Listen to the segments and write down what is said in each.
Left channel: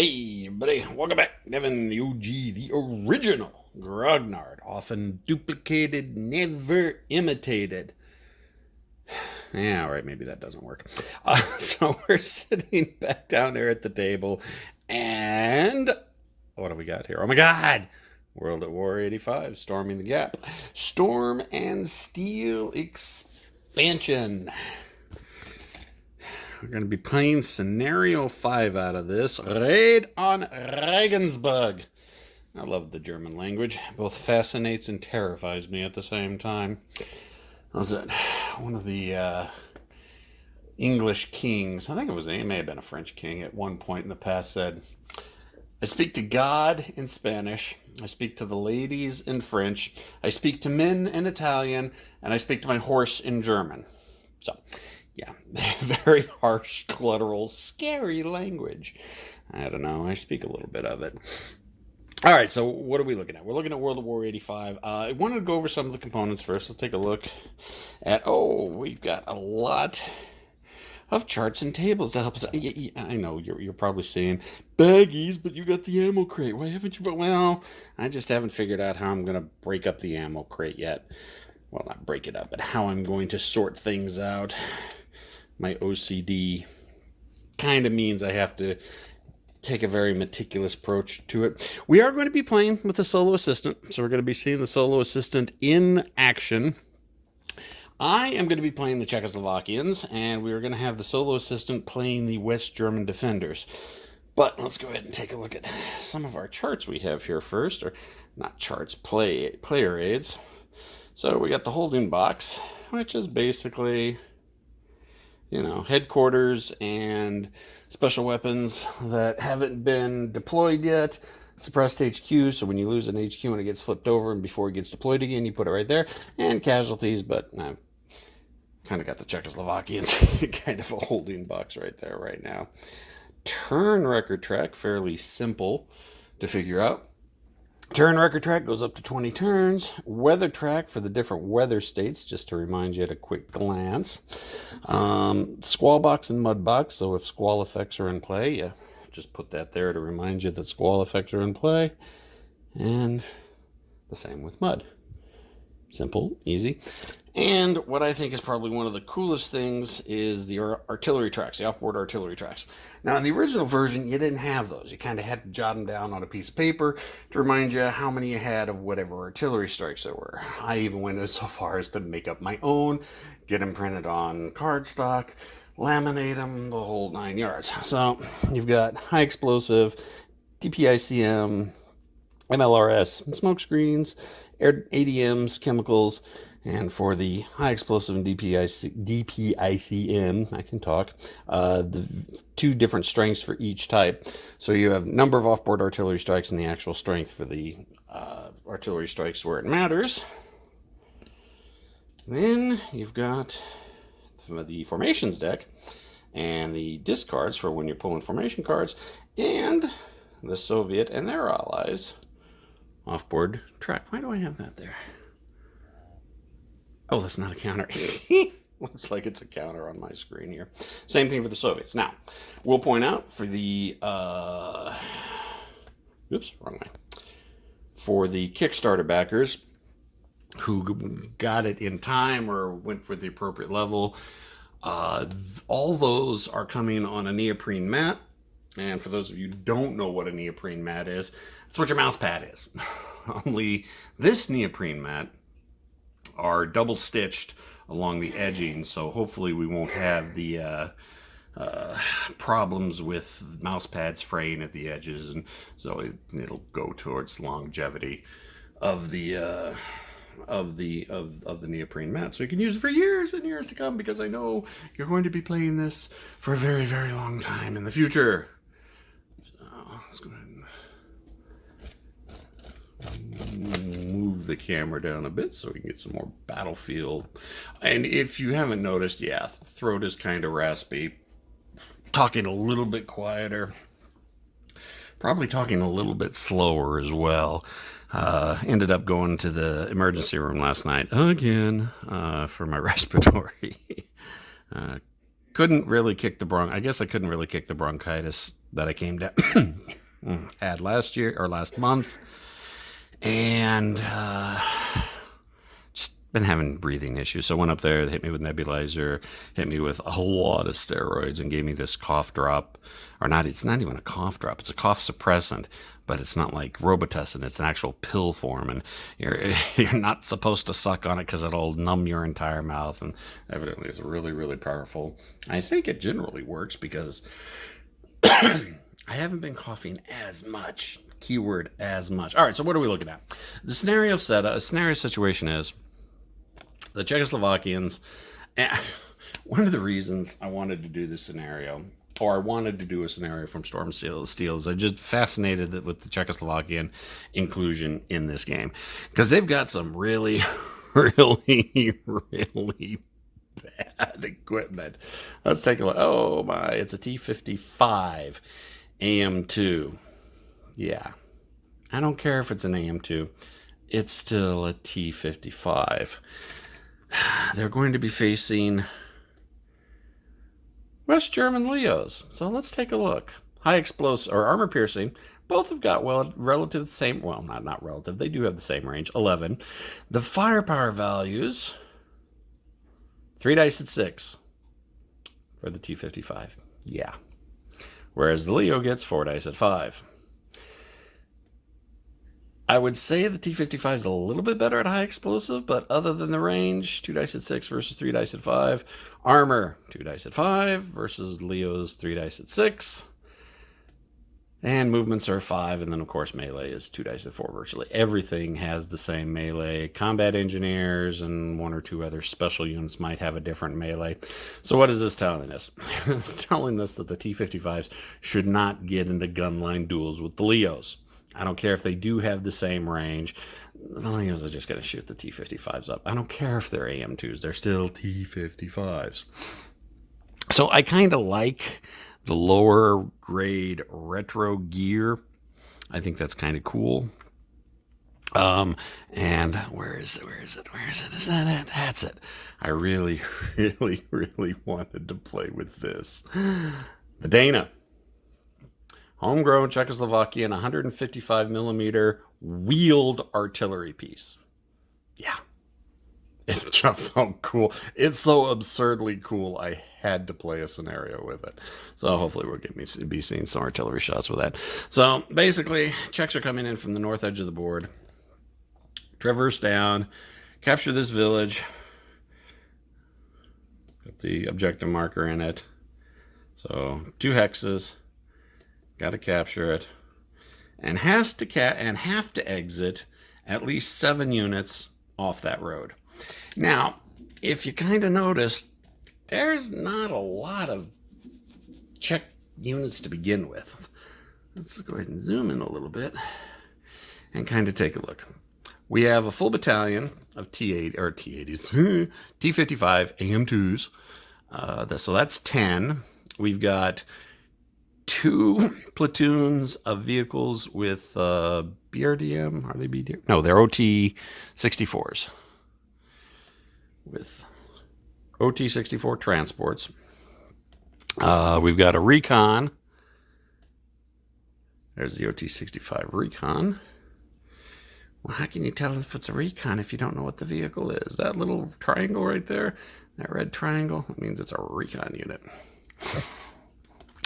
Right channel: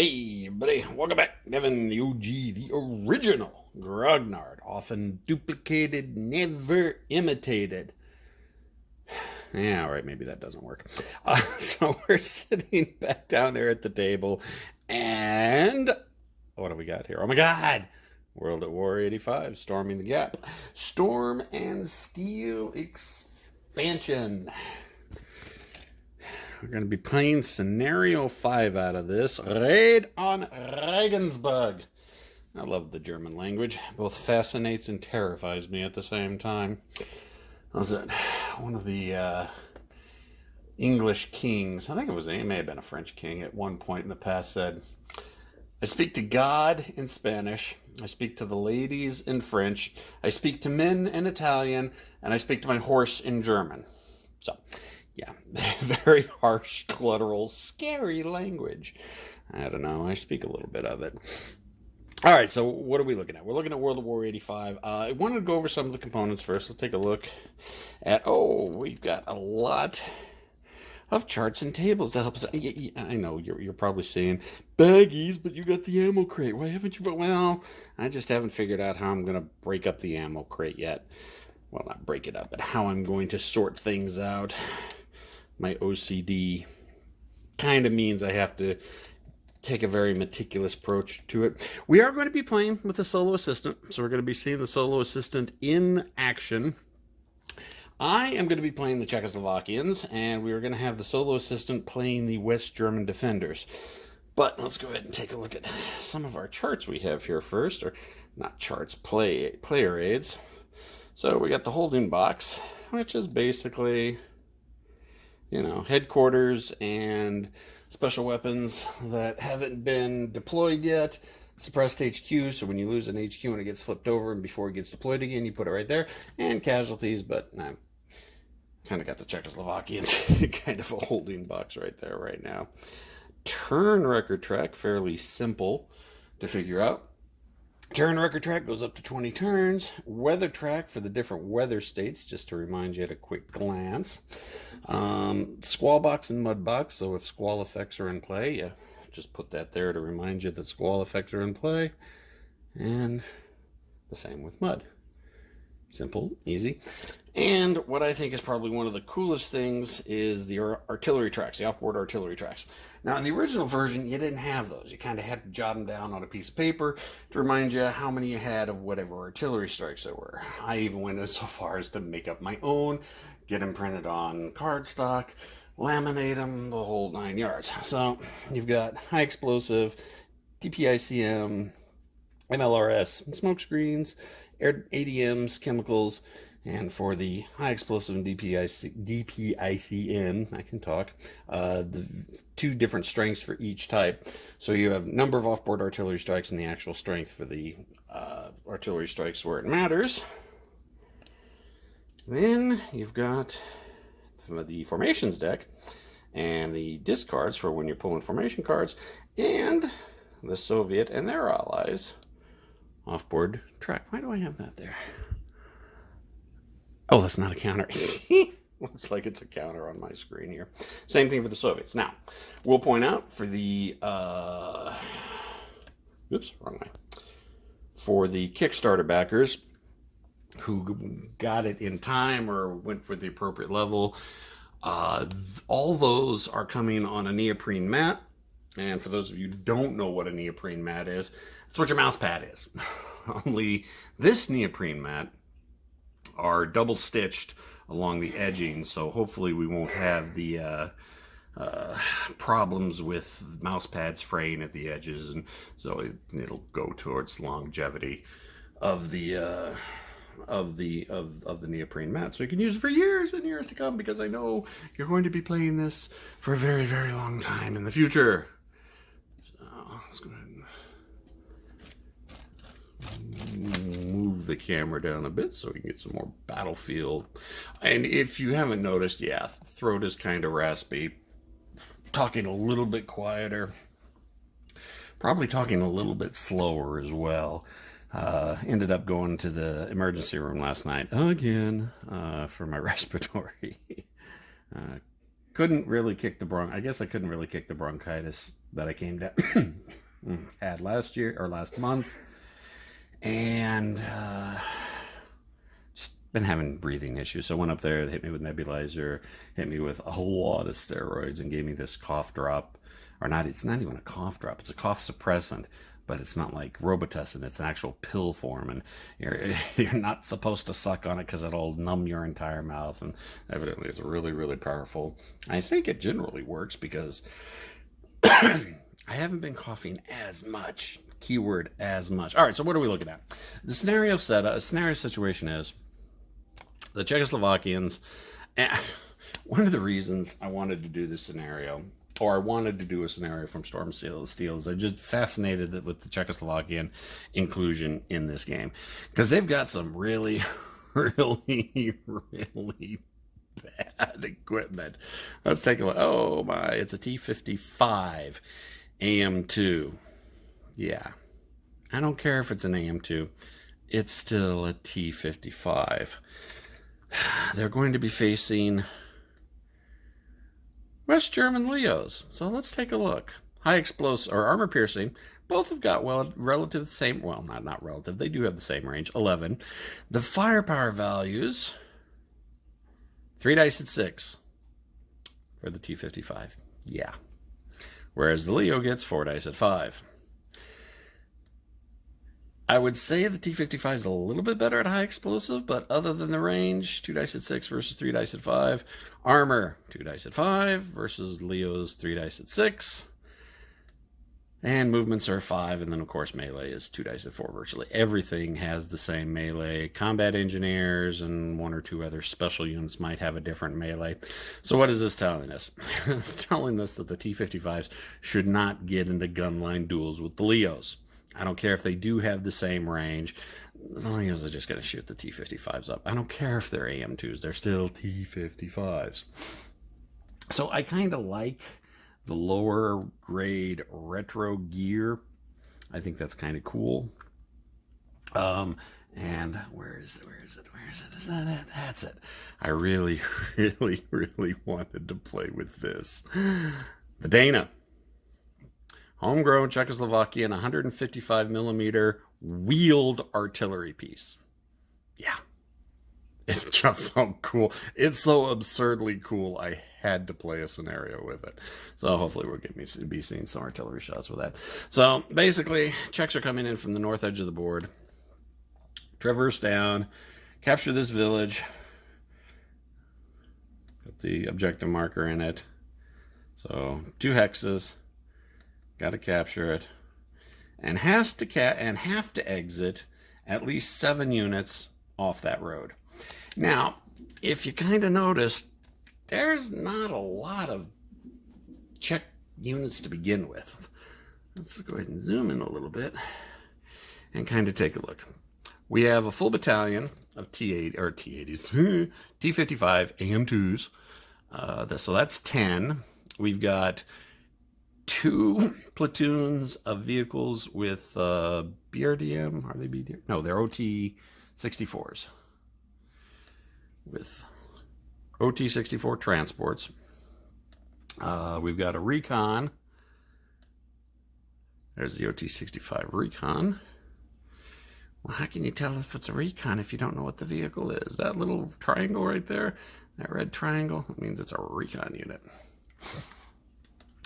Hey, buddy, welcome back. Devin, the OG, the original Grognard, often duplicated, never imitated. Yeah, all right, maybe that doesn't work. So we're sitting back down there at the table, and what do we got here? Oh my God! World at War 85, Storming the Gap. Storm and Steel expansion. We're going to be playing Scenario 5 out of this. Raid on Regensburg. I love the German language. Both fascinates and terrifies me at the same time. Was it one of the English kings? I think it may have been a French king at one point in the past said, I speak to God in Spanish. I speak to the ladies in French. I speak to men in Italian. And I speak to my horse in German. So, yeah, very harsh, guttural, scary language. I don't know. I speak a little bit of it. All right, so what are we looking at? We're looking at World War 85. I wanted to go over some of the components first. Let's take a look at, we've got a lot of charts and tables to help us. I know you're probably saying, baggies, but you got the ammo crate. Why haven't you? Well, I just haven't figured out how I'm going to break up the ammo crate yet. Well, not break it up, but how I'm going to sort things out. My OCD kind of means I have to take a very meticulous approach to it. We are going to be playing with a solo assistant, so we're going to be seeing the solo assistant in action. I am going to be playing the Czechoslovakians, and we are going to have the solo assistant playing the West German defenders. But let's go ahead and take a look at some of our charts we have here first, or not charts, player aids. So we got the holding box, which is basically, headquarters and special weapons that haven't been deployed yet. Suppressed HQ, so when you lose an HQ and it gets flipped over and before it gets deployed again, you put it right there. And casualties, but I've kind of got the Czechoslovakians kind of a holding box right there right now. Turn record track, fairly simple to figure out. Turn record track goes up to 20 turns. Weather track for the different weather states, just to remind you at a quick glance. Squall box and mud box, so if squall effects are in play, yeah, just put that there to remind you that squall effects are in play. And the same with mud. Simple, easy. And what I think is probably one of the coolest things is the artillery tracks, the offboard artillery tracks. Now, in the original version, you didn't have those. You kind of had to jot them down on a piece of paper to remind you how many you had of whatever artillery strikes there were. I even went so far as to make up my own, get them printed on cardstock, laminate them, the whole 9 yards. So you've got high explosive, DPICM, MLRS, smoke screens, ADMs, chemicals. And for the high explosive and DPICM, I can talk, the two different strengths for each type. So you have number of offboard artillery strikes and the actual strength for the artillery strikes where it matters. Then you've got the formations deck and the discards for when you're pulling formation cards, and the Soviet and their allies offboard track. Why do I have that there? Oh, that's not a counter. Looks like it's a counter on my screen here. Same thing for the Soviets. Now, we'll point out for the, oops, wrong way. For the Kickstarter backers who got it in time or went for the appropriate level, all those are coming on a neoprene mat. And for those of you who don't know what a neoprene mat is, it's what your mouse pad is. Only this neoprene mat are double stitched along the edging, so hopefully we won't have the problems with mouse pads fraying at the edges, and so it'll go towards longevity of the neoprene mat, so you can use it for years and years to come, because I know you're going to be playing this for a very, very long time in the future. So let's go ahead and move the camera down a bit so we can get some more battlefield. And if you haven't noticed, yeah, throat is kind of raspy. Talking a little bit quieter. Probably talking a little bit slower as well. Ended up going to the emergency room last night again for my respiratory. couldn't really kick the I guess I couldn't really kick the bronchitis that I came down had last year or last month. And just been having breathing issues. So I went up there, they hit me with nebulizer, hit me with a lot of steroids, and gave me this cough drop. Or not, it's not even a cough drop, it's a cough suppressant, but it's not like Robitussin, it's an actual pill form, and you're not supposed to suck on it because it'll numb your entire mouth, and evidently it's really, really powerful. I think it generally works because I haven't been coughing as much. Keyword as much. All right, so what are we looking at? The scenario situation is the Czechoslovakians. One of the reasons I wanted to do this scenario, or I wanted to do a scenario from Storm Steel, is I'm just fascinated with the Czechoslovakian inclusion in this game because they've got some really, really, really bad equipment. Let's take a look. Oh my, it's a T-55 AM2. Yeah, I don't care if it's an AM2. It's still a T-55. They're going to be facing West German Leos. So let's take a look. High explosive or armor piercing. Both have got relative same. Well, not relative. They do have the same range. 11. The firepower values. 3 dice at 6 for the T-55. Yeah. Whereas the Leo gets 4 dice at 5. I would say the T-55 is a little bit better at high explosive, but other than the range, 2 dice at 6 versus 3 dice at 5. Armor, 2 dice at 5 versus Leo's 3 dice at 6. And movements are 5, and then of course melee is 2 dice at 4 virtually. Everything has the same melee. Combat engineers and 1 or 2 other special units might have a different melee. So what is this telling us? It's telling us that the T-55s should not get into gunline duels with the Leos. I don't care if they do have the same range. The Leos are just going to shoot the T-55s up. I don't care if they're AM2s. They're still T-55s. So I kind of like the lower grade retro gear. I think that's kind of cool. And where is it? Is that it? That's it. I really, really, really wanted to play with this. The Dana. Homegrown Czechoslovakian 155 millimeter wheeled artillery piece. Yeah. It's just so cool. It's so absurdly cool. I had to play a scenario with it. So hopefully we'll get me to be seeing some artillery shots with that. So basically, Czechs are coming in from the north edge of the board. Traverse down. Capture this village. Got the objective marker in it. So 2 hexes. Got to capture it, and have to exit at least 7 units off that road. Now, if you kind of noticed, there's not a lot of Czech units to begin with. Let's go ahead and zoom in a little bit and kind of take a look. We have a full battalion of T-80s, T-55 AM2s. So that's 10. We've got 2 platoons of vehicles with BRDM. Are they BRDM? No, they're OT-64s. With OT-64 transports. We've got a recon. There's the OT-65 recon. Well, how can you tell if it's a recon if you don't know what the vehicle is? That little triangle right there, that red triangle, that means it's a recon unit.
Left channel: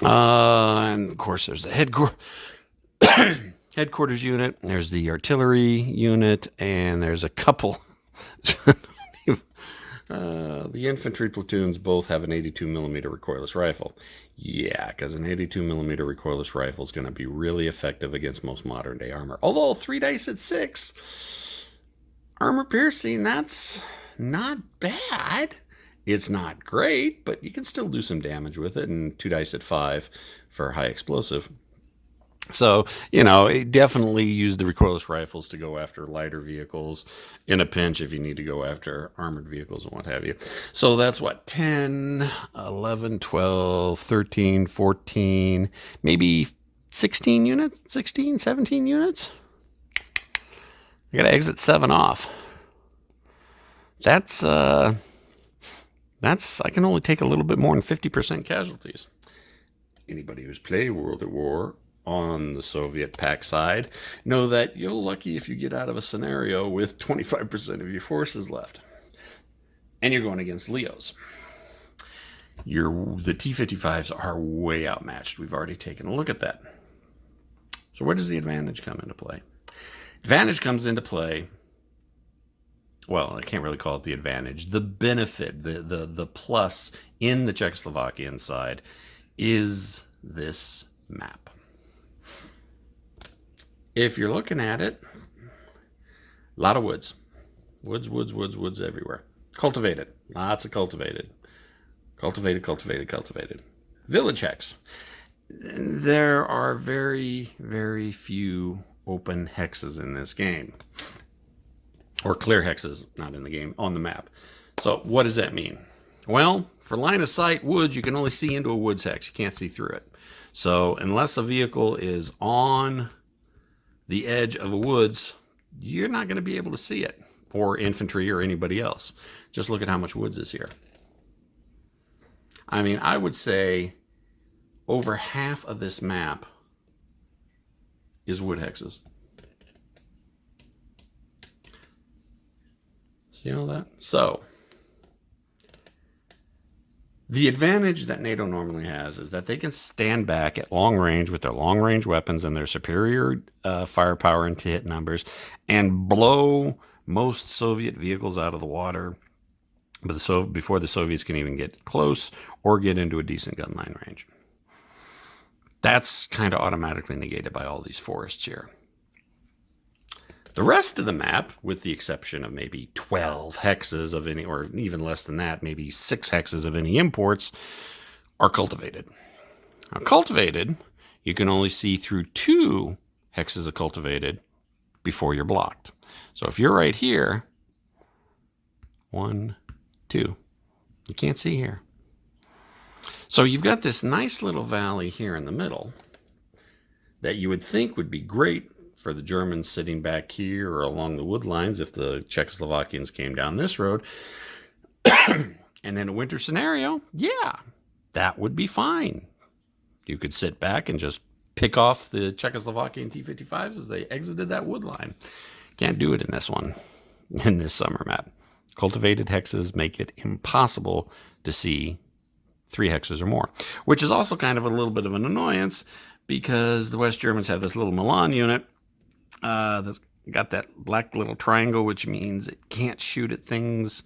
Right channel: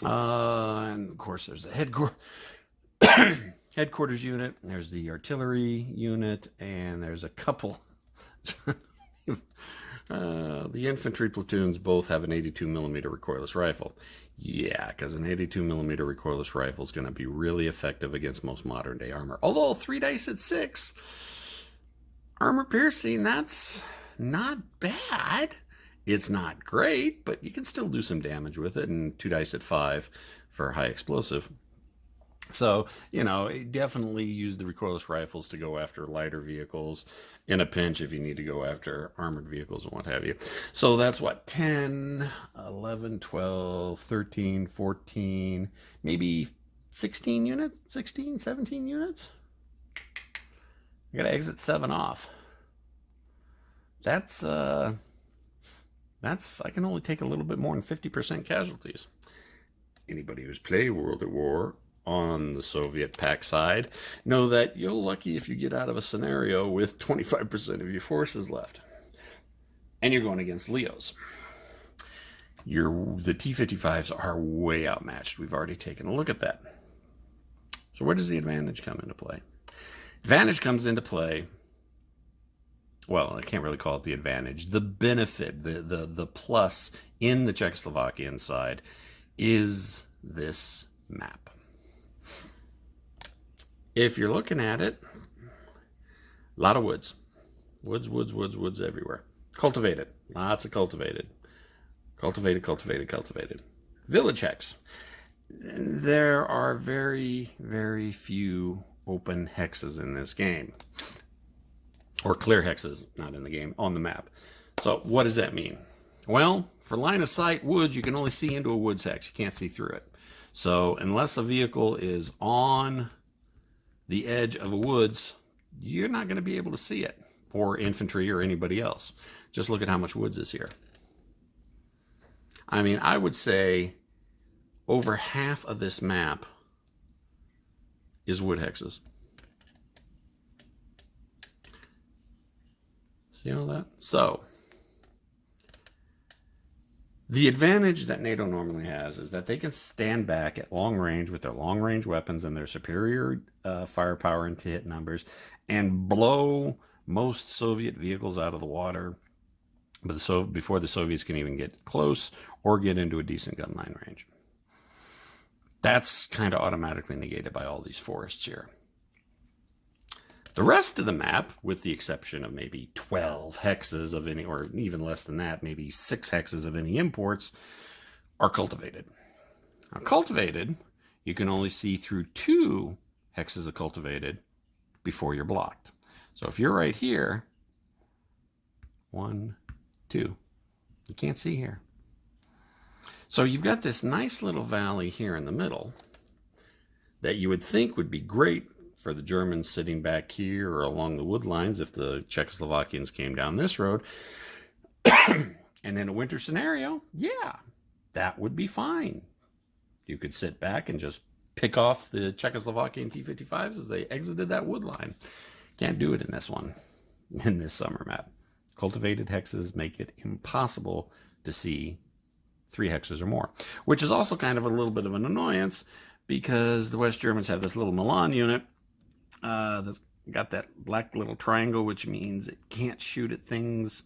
And of course, there's the headquarters unit. There's the artillery unit, and there's a couple. The infantry platoons both have an 82 millimeter recoilless rifle. Yeah, because an 82 millimeter recoilless rifle is going to be really effective against most modern day armor. Although 3 dice at 6 armor piercing, that's not bad. It's not great, but you can still do some damage with it, and 2 dice at 5 for high explosive. So, definitely use the recoilless rifles to go after lighter vehicles in a pinch if you need to go after armored vehicles and what have you. So that's what, 10, 11, 12, 13, 14, maybe 16 units, 16, 17 units. I got to exit 7 off. That's I can only take a little bit more than 50% casualties. Anybody who's played World at War on the Soviet pack side know that you're lucky if you get out of a scenario with 25% of your forces left. And you're going against Leos. The T-55s are way outmatched. We've already taken a look at that. So where does the advantage come into play? Advantage comes into play, well, I can't really call it the advantage. The benefit, the plus in the Czechoslovakian side is this map. If you're looking at it, a lot of woods. Woods everywhere. Cultivated. Lots of cultivated. Cultivated. Village hex. There are very, very few open hexes in this game. Or clear hexes, not in the game, on the map. So what does that mean? Well, for line of sight woods, you can only see into a woods hex. You can't see through it. So unless a vehicle is on the edge of a woods, you're not going to be able to see it, or infantry or anybody else. Just look at how much woods is here. I mean, I would say over half of this map is wood hexes. See all that? So, the advantage that NATO normally has is that they can stand back at long range with their long range weapons and their superior firepower and hit numbers and blow most Soviet vehicles out of the water before the Soviets can even get close or get into a decent gun line range. That's kind of automatically negated by all these forests here. The rest of the map, with the exception of maybe 12 hexes of any, or even less than that, maybe 6 hexes of any imports, are cultivated. Now, cultivated, you can only see through 2 hexes of cultivated before you're blocked. So if you're right here, 1, 2, you can't see here. So you've got this nice little valley here in the middle that you would think would be great for the Germans sitting back here or along the wood lines if the Czechoslovakians came down this road. And in a winter scenario, yeah, that would be fine. You could sit back and just pick off the Czechoslovakian T-55s as they exited that wood line. Can't do it in this one, in this summer map. Cultivated hexes make it impossible to see 3 hexes or more, which is also kind of a little bit of an annoyance because the West Germans have this little Milan unit that's got that black little triangle, which means it can't shoot at things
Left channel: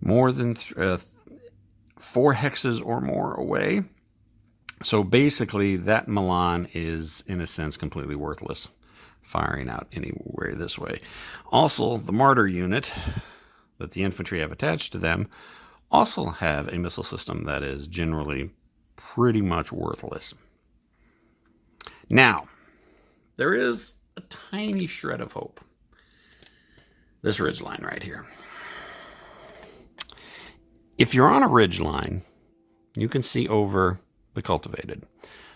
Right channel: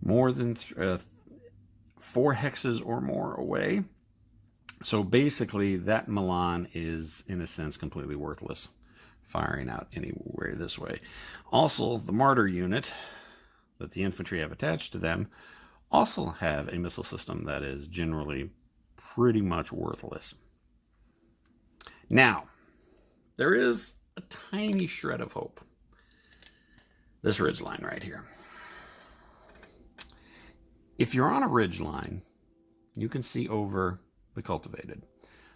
more than 4 hexes or more away. So basically, that Milan is, in a sense, completely worthless, firing out anywhere this way. Also, the Martyr unit that the infantry have attached to them also have a missile system that is generally pretty much worthless. Now, there is a tiny shred of hope. This ridge line right here. If you're on a ridge line, you can see over the cultivated.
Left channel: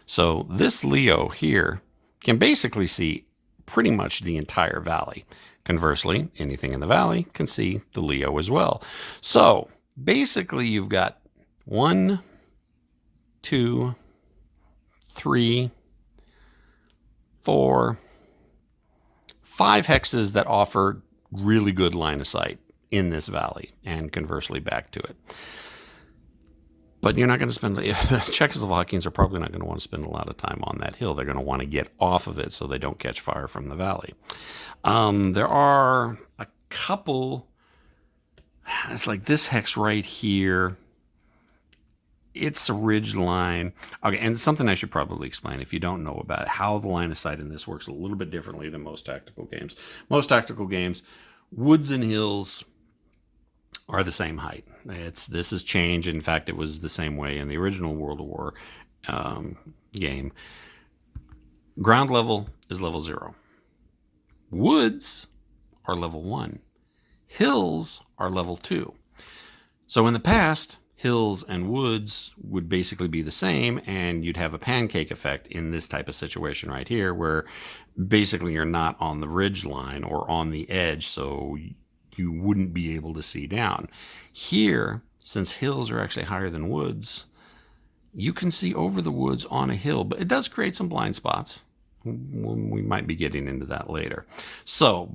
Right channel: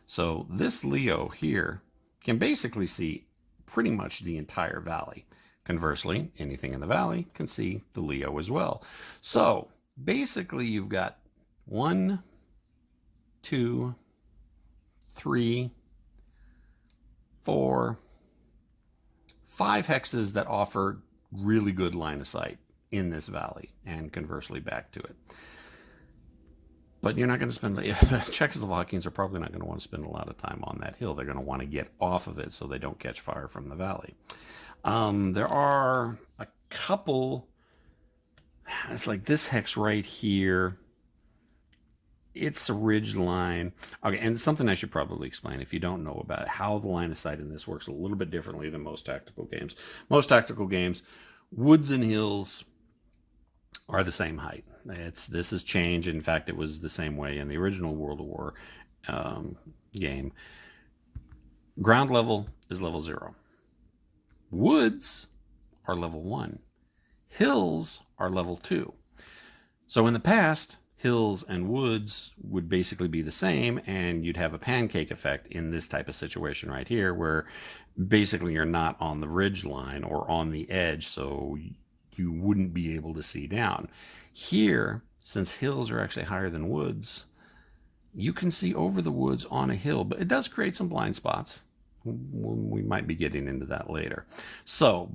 So this Leo here can basically see pretty much the entire valley. Conversely, anything in the valley can see the Leo as well. So basically you've got 1, 2, 3, 4, 5 hexes that offer really good line of sight in this valley, and conversely back to it. But you're not going to spend, Czechoslovakians are probably not going to want to spend a lot of time on that hill. They're going to want to get off of it so they don't catch fire from the valley. There are a couple, it's like this hex right here. It's a ridge line. Okay, and something I should probably explain if you don't know about it, how the line of sight in this works a little bit differently than most tactical games. Most tactical games, woods and hills are the same height. This has changed. In fact, it was the same way in the original World War game. Ground level is level 0. Woods are level 1. Hills are level 2. So in the past, hills and woods would basically be the same, and you'd have a pancake effect in this type of situation right here, where basically you're not on the ridge line or on the edge, so you wouldn't be able to see down. Here, since hills are actually higher than woods, you can see over the woods on a hill, but it does create some blind spots. We might be getting into that later. So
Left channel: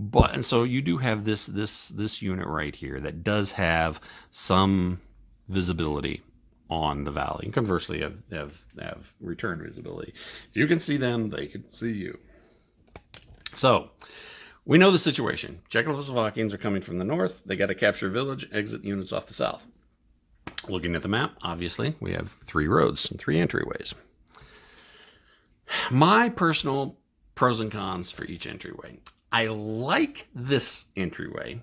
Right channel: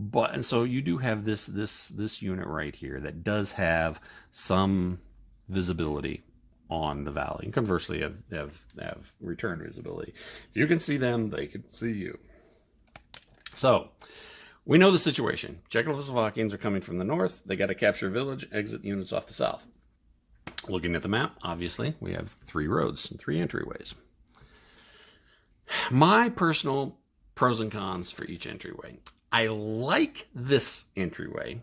you do have this unit right here that does have some visibility on the valley, and conversely have return visibility. If you can see them, they can see you. So we know the situation. Czechoslovakians are coming from the north. They got to capture a village, exit units off the south. Looking at the map, obviously, we have 3 roads and 3 entryways. My personal pros and cons for each entryway. I like this entryway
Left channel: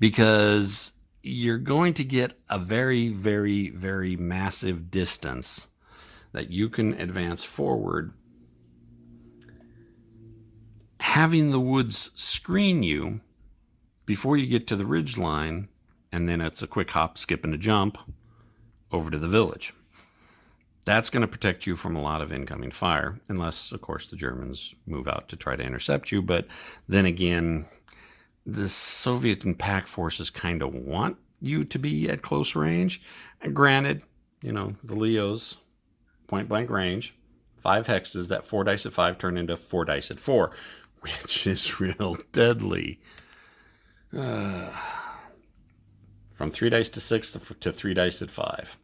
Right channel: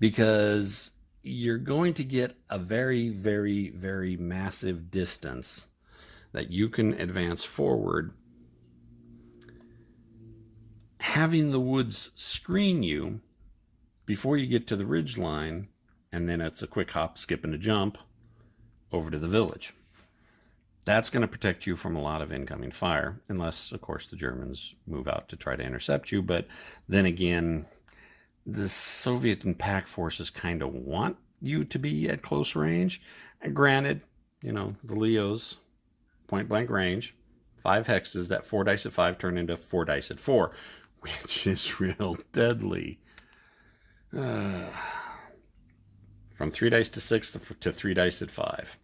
because you're going to get a very, very, very massive distance that you can advance forward. Having the woods screen you before you get to the ridge line, and then it's a quick hop, skip, and a jump over to the village. That's going to protect you from a lot of incoming fire, unless, of course, the Germans move out to try to intercept you. But then again, the Soviet and Pac forces kind of want you to be at close range. And granted, the Leos, point blank range, 5 hexes, that 4 dice at 5 turn into 4 dice at 4, which is real deadly. From 3 dice to 6 to 3 dice at 5.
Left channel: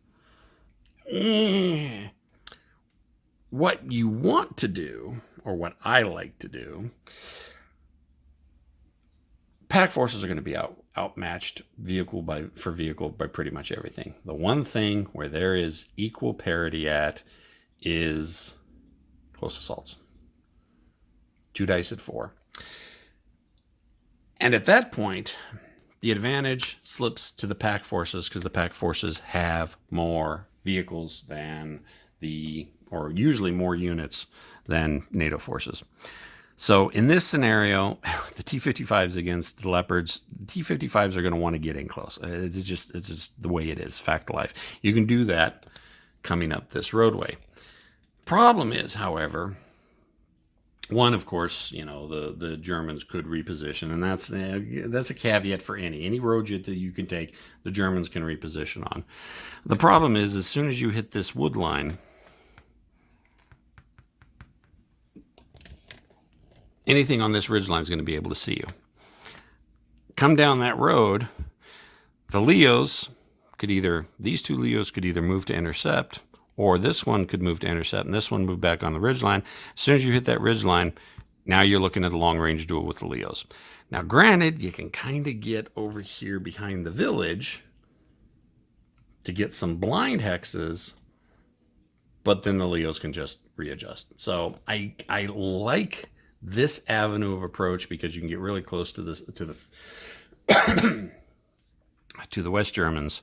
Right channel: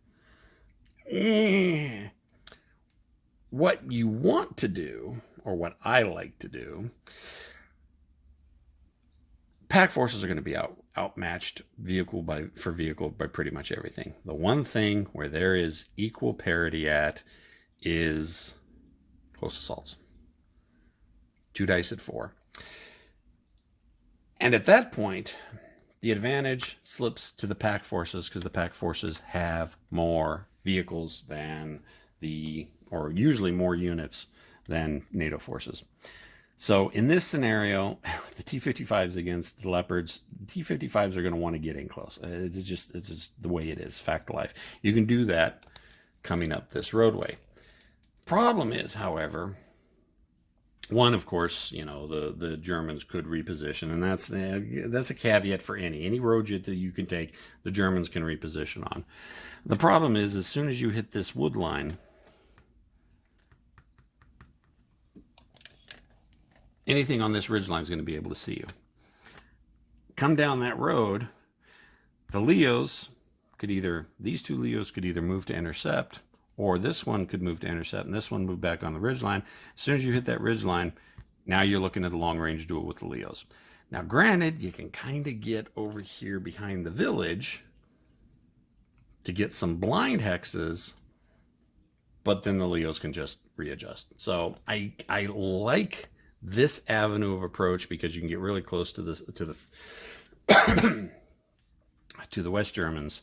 What you want to do, or what I like to do, Pac forces are going to be outmatched vehicle by pretty much everything. The one thing where there is equal parity at is close assaults. 2 dice at 4. And at that point, the advantage slips to the Pac forces because the Pac forces have more vehicles or usually more units than NATO forces. So in this scenario, the T-55s against the Leopards, the T-55s are going to want to get in close. It's just the way it is, fact of life. You can do that coming up this roadway. Problem is, however, one, of course, the Germans could reposition, and that's a caveat for any road that you can take, the Germans can reposition on. The problem is, as soon as you hit this wood line, anything on this ridge line is going to be able to see you. Come down that road, the Leos these 2 Leos could either move to intercept, or this one could move to intercept, and this one move back on the ridge line. As soon as you hit that ridge line, now you're looking at a long-range duel with the Leos. Now, granted, you can kind of get over here behind the village to get some blind hexes, but then the Leos can just readjust. So I like this avenue of approach because you can get really close to the to the West Germans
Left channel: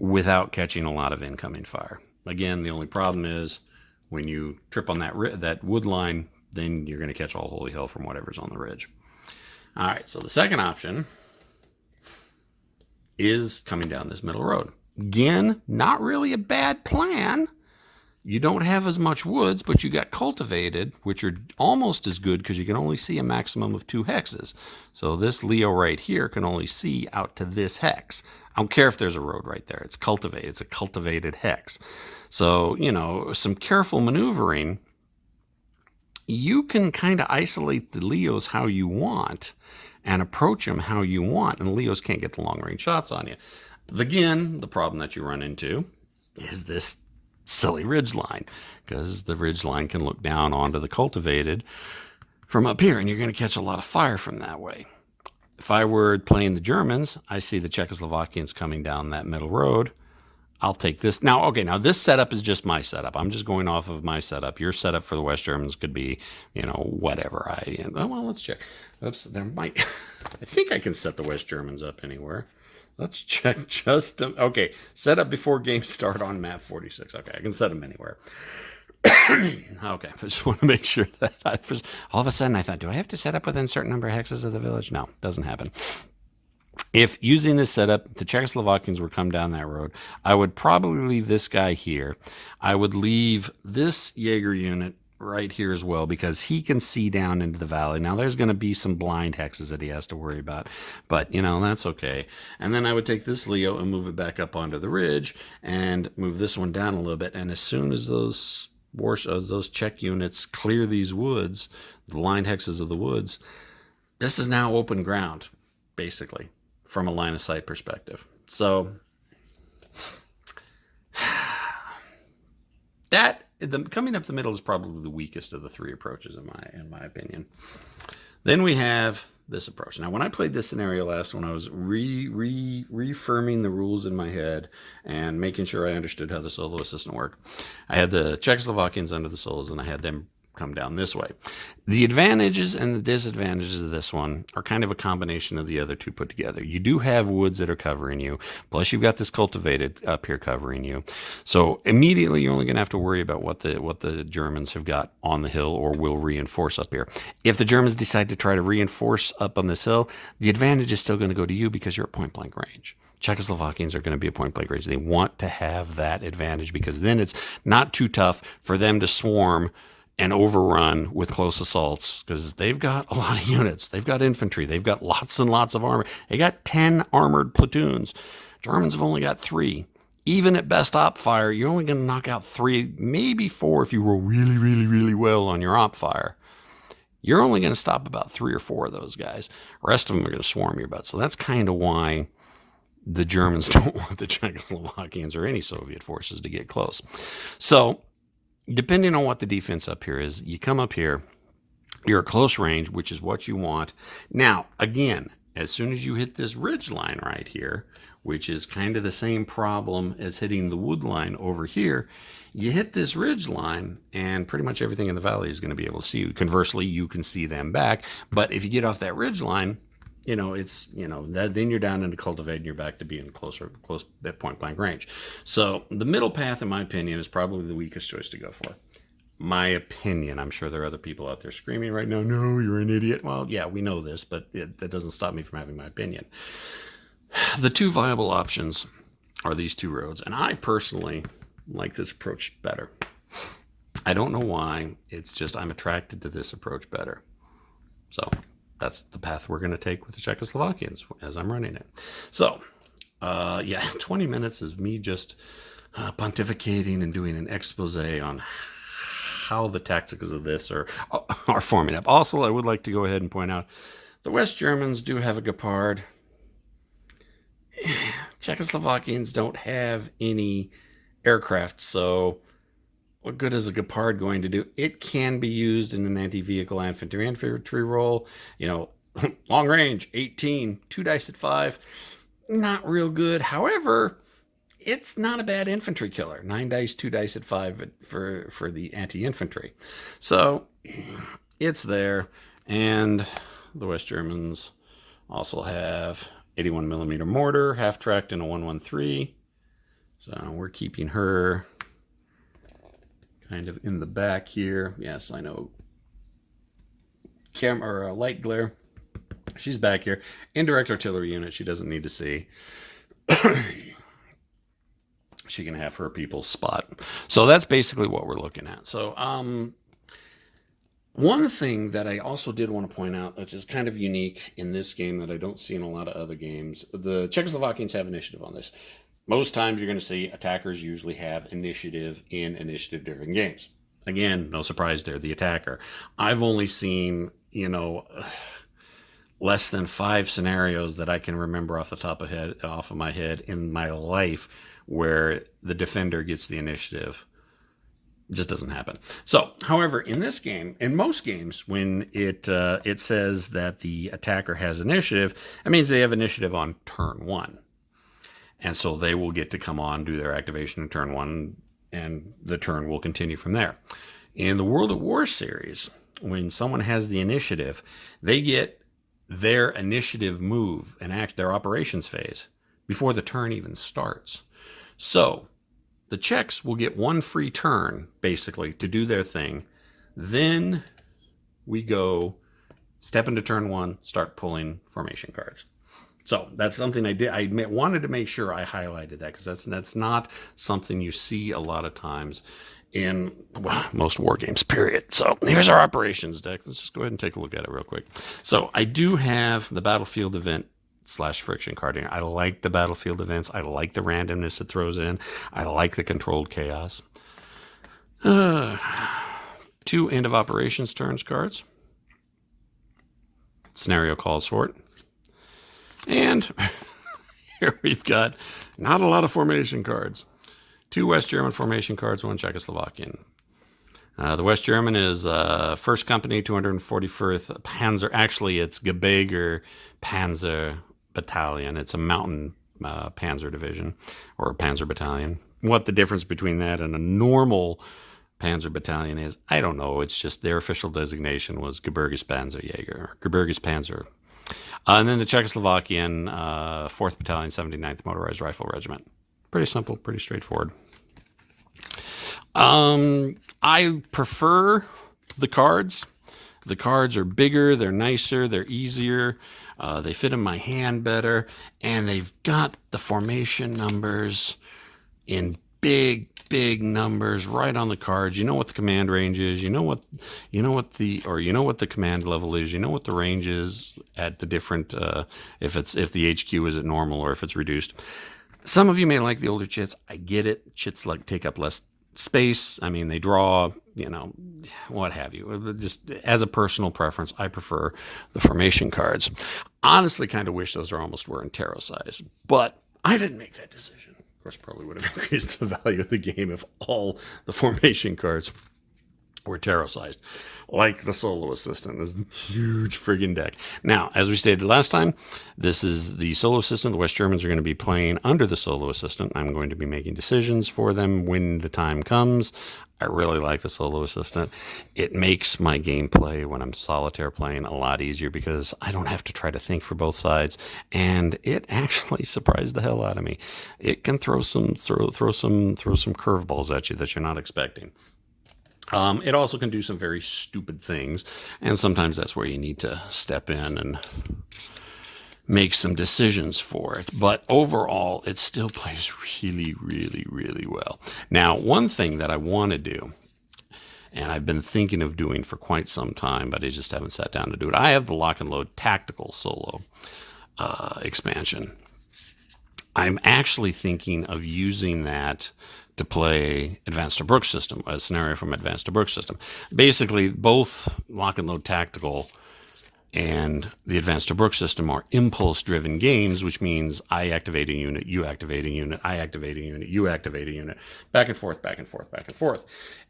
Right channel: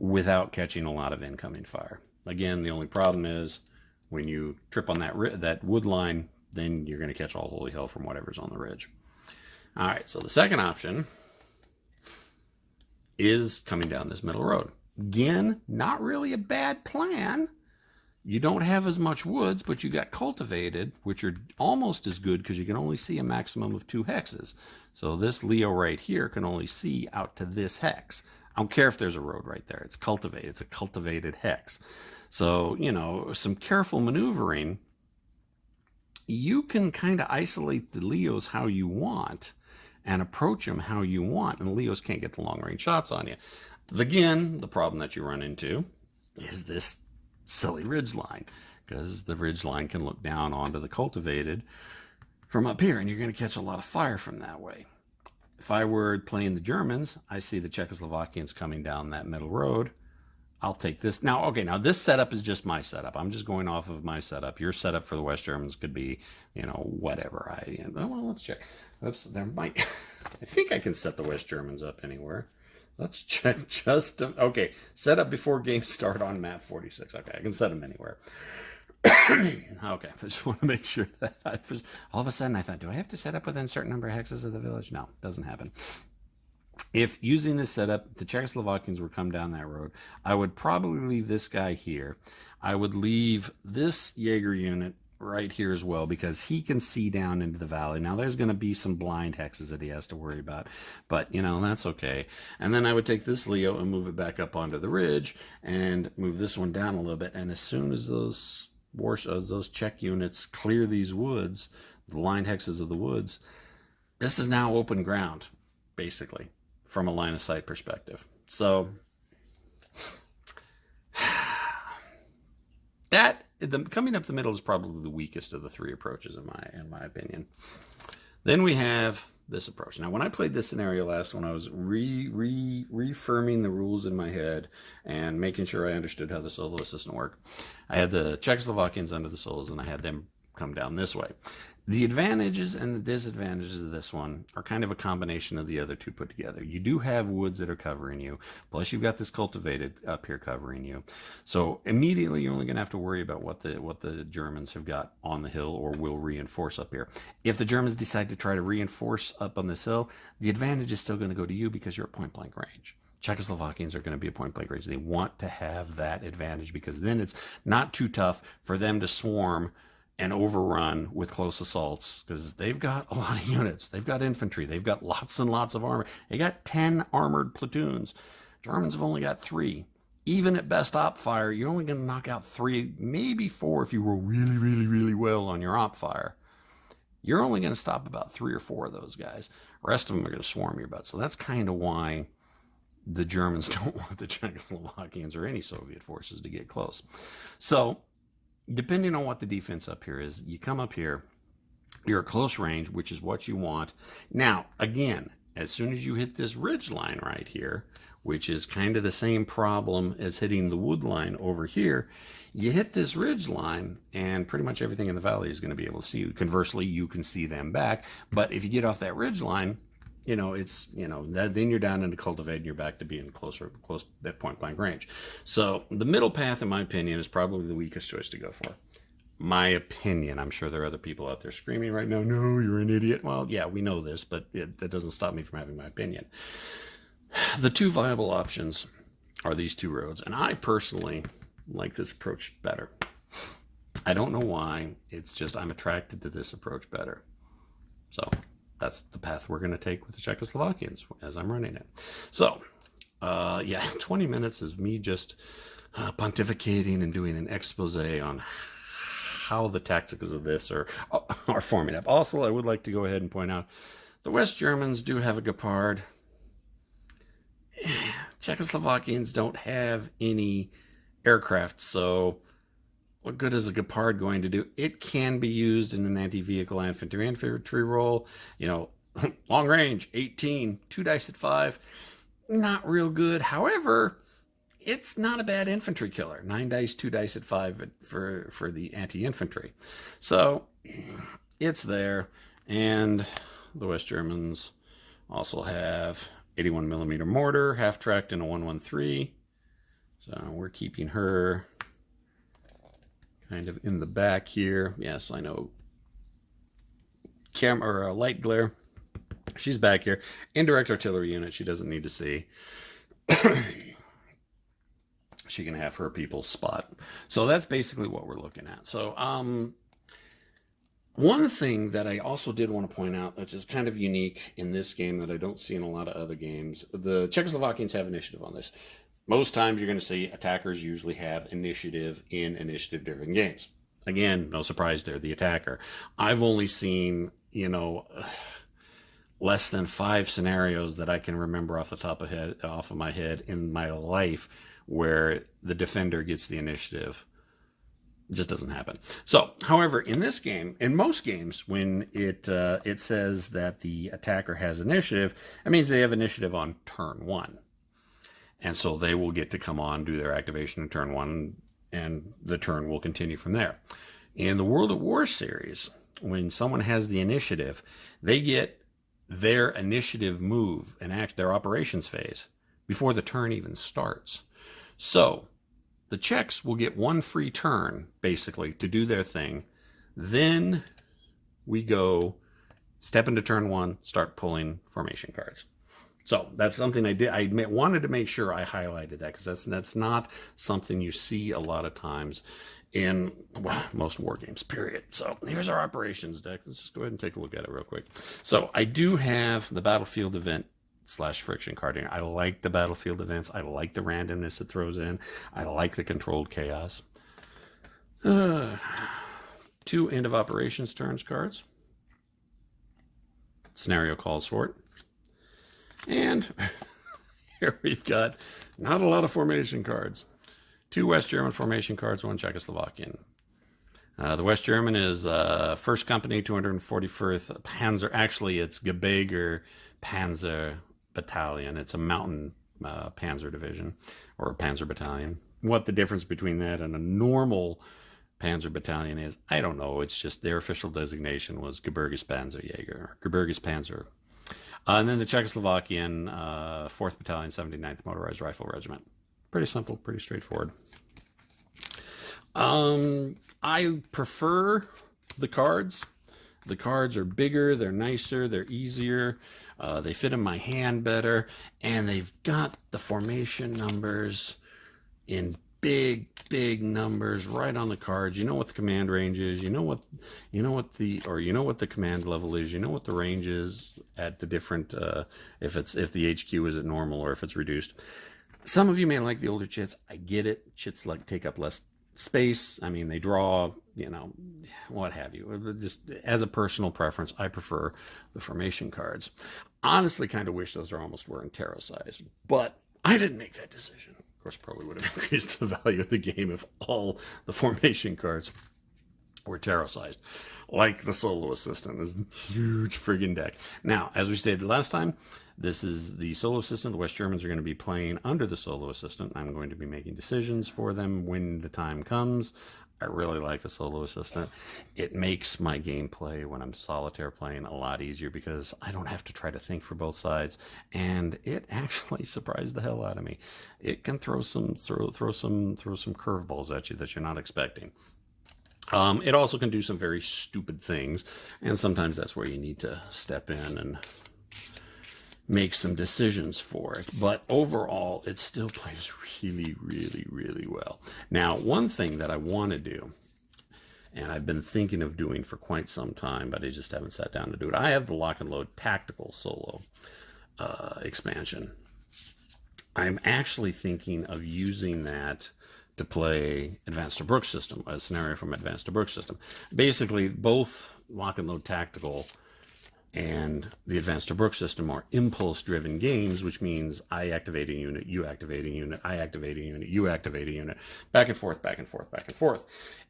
without catching a lot of incoming fire. Again, the only problem is when you trip on that wood line, then you're going to catch all holy hell from whatever's on the ridge. All right, so the second option is coming down this middle road. Again, not really a bad plan. You don't have as much woods, but you got cultivated, which are almost as good because you can only see a maximum of 2 hexes. So this Leo right here can only see out to this hex. I don't care if there's a road right there. It's cultivated. It's a cultivated hex. So, some careful maneuvering, you can kind of isolate the Leos how you want and approach them how you want, and the Leos can't get the long-range shots on you. Again, the problem that you run into is this silly ridge line, because the ridge line can look down onto the cultivated from up here, and you're going to catch a lot of fire from that way. If I were playing the Germans, I see the Czechoslovakians coming down that middle road. I'll take this. Now this setup is just my setup. I'm just going off of my setup. Your setup for the West Germans could be, whatever. Well, let's check. Oops, I think I can set the West Germans up anywhere. Let's check okay, set up before game start on map 46. Okay, I can set them anywhere. Okay, I just want to make sure that all of a sudden I thought, do I have to set up within a certain number of hexes of the village? No, doesn't happen. If using this setup, the Czechoslovakians would come down that road, I would probably leave this guy here. I would leave this Jaeger unit right here as well, because he can see down into the valley. Now there's going to be some blind hexes that he has to worry about, but you know, that's okay. And then I would take this Leo and move it back up onto the ridge and move this one down a little bit. And as soon as those Czech units clear these woods, the blind hexes of the woods, this is now open ground, basically, from a line of sight perspective. So that coming up the middle is probably the weakest of the three approaches in my opinion. Then we have this approach. Now, when I played this scenario last, when I was reaffirming the rules in my head and making sure I understood how the solo system worked, I had the Czechoslovakians under the solos, and I had them come down this way. The advantages and the disadvantages of this one are kind of a combination of the other two put together. You do have woods that are covering you, plus you've got this cultivated up here covering you. So immediately you're only going to have to worry about what the Germans have got on the hill or will reinforce up here. If the Germans decide to try to reinforce up on this hill, the advantage is still going to go to you because you're at point blank range. Czechoslovakians are going to be at point blank range. They want to have that advantage because then it's not too tough for them to swarm and overrun with close assaults, because they've got a lot of units. They've got infantry. They've got lots and lots of armor. They got 10 armored platoons. Germans have only got 3. Even at best op fire, you're only going to knock out 3, maybe 4 if you roll really, really, really well on your op fire. You're only going to stop about 3 or 4 of those guys. The rest of them are going to swarm your butt. So that's kind of why the Germans don't want the Czechoslovakians or any Soviet forces to get close. So depending on what the defense up here is, you come up here, you're at close range, which is what you want. Now, again, as soon as you hit this ridge line right here, which is kind of the same problem as hitting the wood line over here, you hit this ridge line and pretty much everything in the valley is going to be able to see you. Conversely, you can see them back. But if you get off that ridge line, then you're down into cultivate and you're back to being close at point blank range. So the middle path, in my opinion, is probably the weakest choice to go for. My opinion. I'm sure there are other people out there screaming right now, no, you're an idiot. Well, yeah, we know this, but that doesn't stop me from having my opinion. The two viable options are these two roads, and I personally like this approach better. I don't know why. It's just I'm attracted to this approach better. So that's the path we're going to take with the Czechoslovakians as I'm running it. So, 20 minutes is me just pontificating and doing an expose on how the tactics of this are forming up. Also, I would like to go ahead and point out the West Germans do have a Gepard. Czechoslovakians don't have any aircraft, so what good is a Gepard going to do? It can be used in an anti-vehicle infantry role. Long range, 18, 2 dice at 5. Not real good. However, it's not a bad infantry killer. 9 dice, 2 dice at 5 for the anti-infantry. So it's there. And the West Germans also have 81 millimeter mortar, half-tracked in a 113. So we're keeping her kind of in the back here. Yes, I know. Light glare. She's back here. Indirect artillery unit. She doesn't need to see. She can have her people spot. So that's basically what we're looking at. So one thing that I also did want to point out, which is kind of unique in this game that I don't see in a lot of other games, the Czechoslovakians have initiative on this. Most times you're going to see attackers usually have initiative in initiative-driven games. Again, no surprise, they're the attacker. I've only seen, less than 5 scenarios that I can remember off of my head in my life where the defender gets the initiative. It just doesn't happen. So, however, in this game, in most games, when it says that the attacker has initiative, that means they have initiative on turn 1. And so they will get to come on, do their activation in turn 1, and the turn will continue from there. In the World at War series, when someone has the initiative, they get their initiative move and act their operations phase before the turn even starts. So the Czechs will get 1 free turn, basically, to do their thing. Then we go step into turn 1, start pulling formation cards. So that's something I did. I wanted to make sure I highlighted that, because that's not something you see a lot of times in, well, most war games, period. So here's our operations deck. Let's just go ahead and take a look at it real quick. So I do have the battlefield event / friction card here. I like the battlefield events. I like the randomness it throws in. I like the controlled chaos. 2 end of operations turns cards. Scenario calls for it. And here we've got not a lot of formation cards. 2 West German formation cards, 1 Czechoslovakian. The West German is 1st Company, 241st Panzer. Actually, it's Gebirge Panzer Battalion. It's a mountain panzer division, or a panzer battalion. What the difference between that and a normal panzer battalion is, I don't know. It's just their official designation was Gebirges Panzerjäger, or Gebirges Panzer. And then the Czechoslovakian 4th Battalion, 79th Motorized Rifle Regiment. Pretty simple, pretty straightforward. I prefer the cards. The cards are bigger, they're nicer, they're easier, they fit in my hand better, and they've got the formation numbers in big numbers right on the cards. You know what the command range is, you know what the command level is, you know what the range is at the different if the HQ is at normal or if it's reduced. Some of you may like the older chits. I get it. Chits like take up less space. I mean, they draw, what have you. Just as a personal preference, I prefer the formation cards. Honestly, kind of wish those almost were in tarot size, but I didn't make that decision. Of course, probably would have increased the value of the game if all the formation cards were tarot sized, like the solo assistant. This huge friggin' deck. Now, as we stated last time, this is the solo assistant. The West Germans are going to be playing under the solo assistant. I'm going to be making decisions for them when the time comes. I really like the solo assistant. It makes my gameplay when I'm solitaire playing a lot easier, because I don't have to try to think for both sides, and it actually surprised the hell out of me. It can throw some curveballs at you that you're not expecting. It also can do some very stupid things, and sometimes that's where you need to step in and make some decisions for it. But overall, it still plays really, really, really well. Now, one thing that I want to do, and I've been thinking of doing for quite some time, but I just haven't sat down to do it. I have the Lock and Load Tactical Solo expansion. I'm actually thinking of using that to play Advanced Tobruk system, a scenario from Advanced Tobruk system. Basically, both Lock and Load Tactical and the Advanced Tobruk system are impulse-driven games, which means I activate a unit, you activate a unit, I activate a unit, you activate a unit, back and forth, back and forth, back and forth.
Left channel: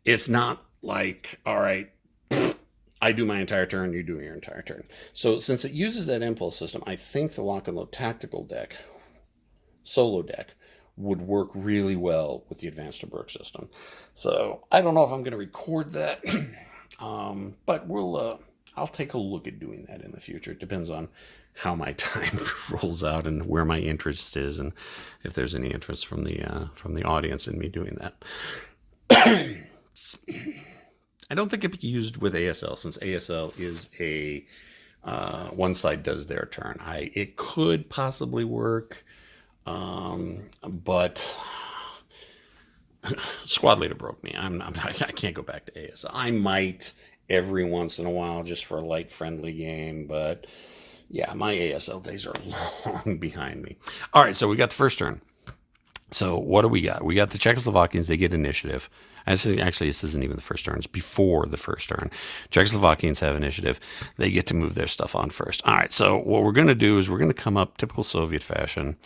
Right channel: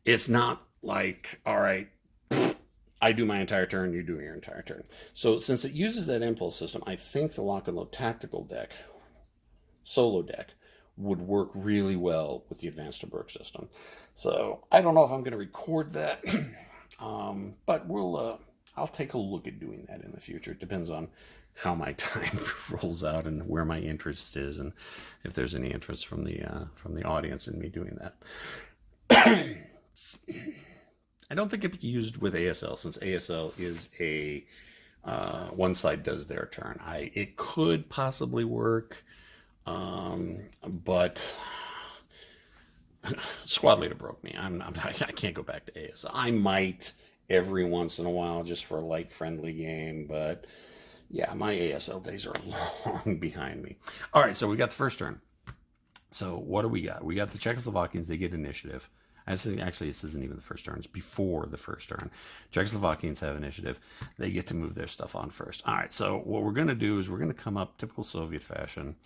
It's not like, all right, I do my entire turn, you do your entire turn. So since it uses that impulse system, I think the Lock and Load Tactical deck, solo deck, would work really well with the Advanced Tobruk system. So I don't know if I'm going to record that, but I'll take a look at doing that in the future. It depends on how my time rolls out and where my interest is, and if there's any interest from the audience in me doing that. I don't think it can be used with ASL, since ASL is a one side does their turn. It could possibly work. But squad leader broke me. I can't go back to ASL. I might every once in a while just for a light friendly game, but yeah, my ASL days are long behind me. All right, so we got the first turn. So what do we got? We got the Czechoslovakians. They get initiative. Actually, this isn't even the first turn. It's before the first turn. Czechoslovakians have initiative. They get to move their stuff on first. All right, so what we're going to do is we're going to come up typical Soviet fashion.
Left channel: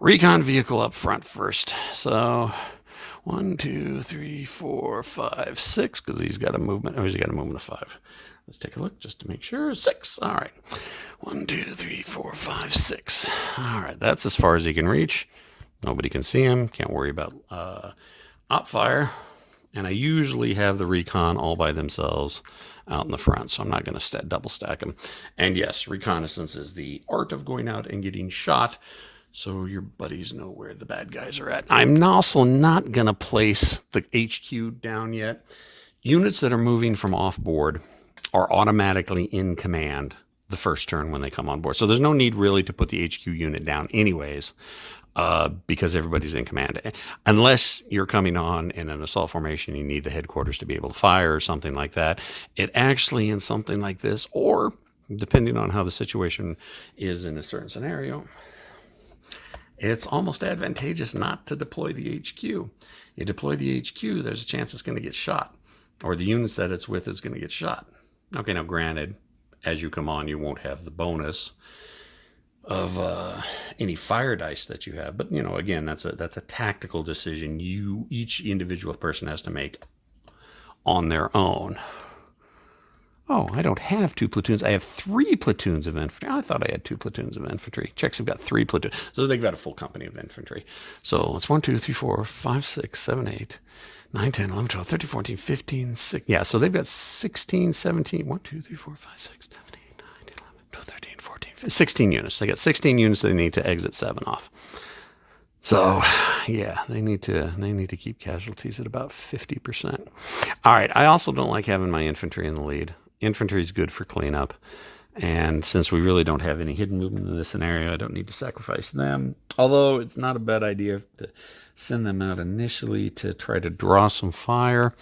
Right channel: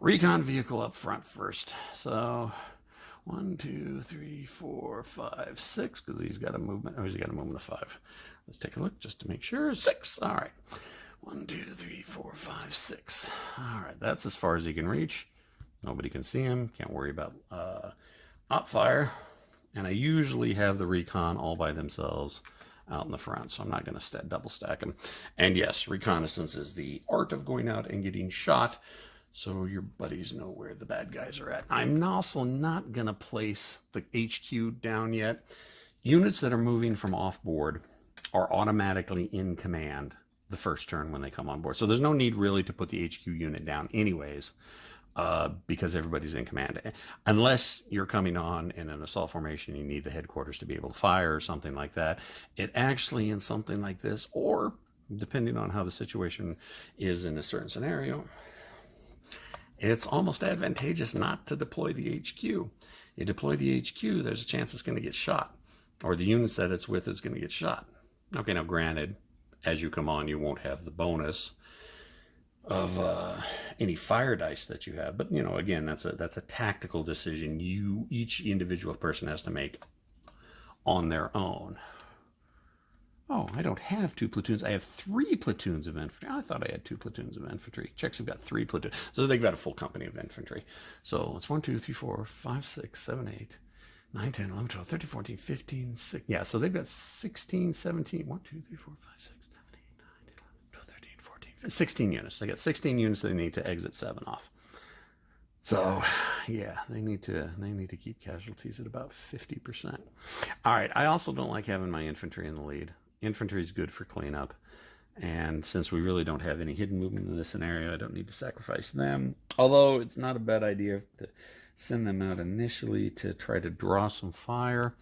Recon vehicle up front first. So 1, 2, 3, 4, 5, 6, because he's got a movement. Oh, he's got a movement of 5. Let's take a look just to make sure. 6. All right. 1, 2, 3, 4, 5, 6. All right, that's as far as he can reach. Nobody can see him. Can't worry about op fire. And I usually have the recon all by themselves out in the front, so I'm not going to double stack them. And yes, reconnaissance is the art of going out and getting shot, so your buddies know where the bad guys are at. I'm also not going to place the HQ down yet. Units that are moving from off board are automatically in command the first turn when they come on board. So there's no need really to put the HQ unit down anyways, because everybody's in command. Unless you're coming on in an assault formation, you need the headquarters to be able to fire or something like that. It actually, in something like this, or depending on how the situation is in a certain scenario, it's almost advantageous not to deploy the HQ. You deploy the HQ, there's a chance it's going to get shot, or the units that it's with is going to get shot. Okay, now granted, as you come on, you won't have the bonus of any fire dice that you have, but again, that's a tactical decision each individual person has to make on their own. Oh, I don't have 2 platoons. I have 3 platoons of infantry. I thought I had 2 platoons of infantry. Czechs have got 3 platoons. So they've got a full company of infantry. So it's 1, 2, 3, 4, 5, 6, 7, 8, 9, 10, 11, 12, 13, 14, 15, 16. Yeah, so they've got 16, 17, 1, 2, 3, 4, 5, 6, 7, 8, 9, 10, 11, 12, 13, 14, 15, 16 units. They got 16 units they need to exit 7 off. So, yeah, they need to keep casualties at about 50%. All right, I also don't like having my infantry in the lead. Infantry is good for cleanup, and since we really don't have any hidden movement in this scenario, I don't need to sacrifice them. Although it's not a bad idea to send them out initially to try to draw some fire,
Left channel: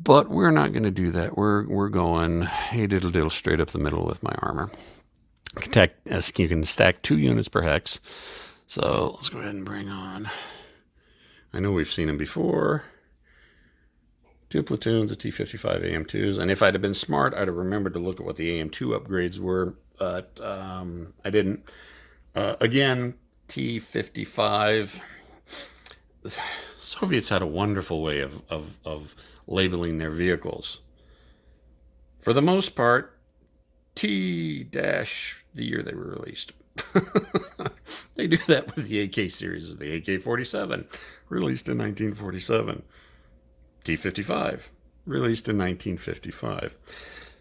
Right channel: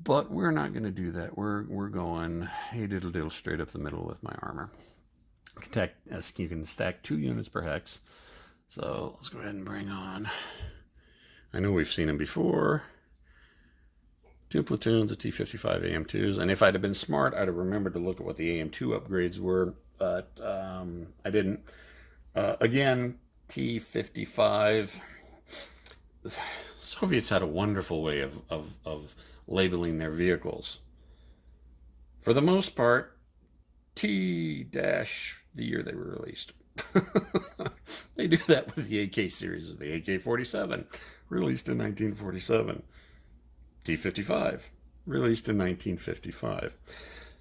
but we're not going to do that. We're going hey diddle diddle straight up the middle with my armor. You can stack 2 units per hex. So let's go ahead and bring on. I know we've seen them before. 2 platoons of T-55 AM2s. And if I'd have been smart, I'd have remembered to look at what the AM2 upgrades were. But I didn't. Again, T-55. The Soviets had a wonderful way of labeling their vehicles. For the most part, T- the year they were released. They do that with the AK series. The AK-47, released in 1947. T-55, released in 1955.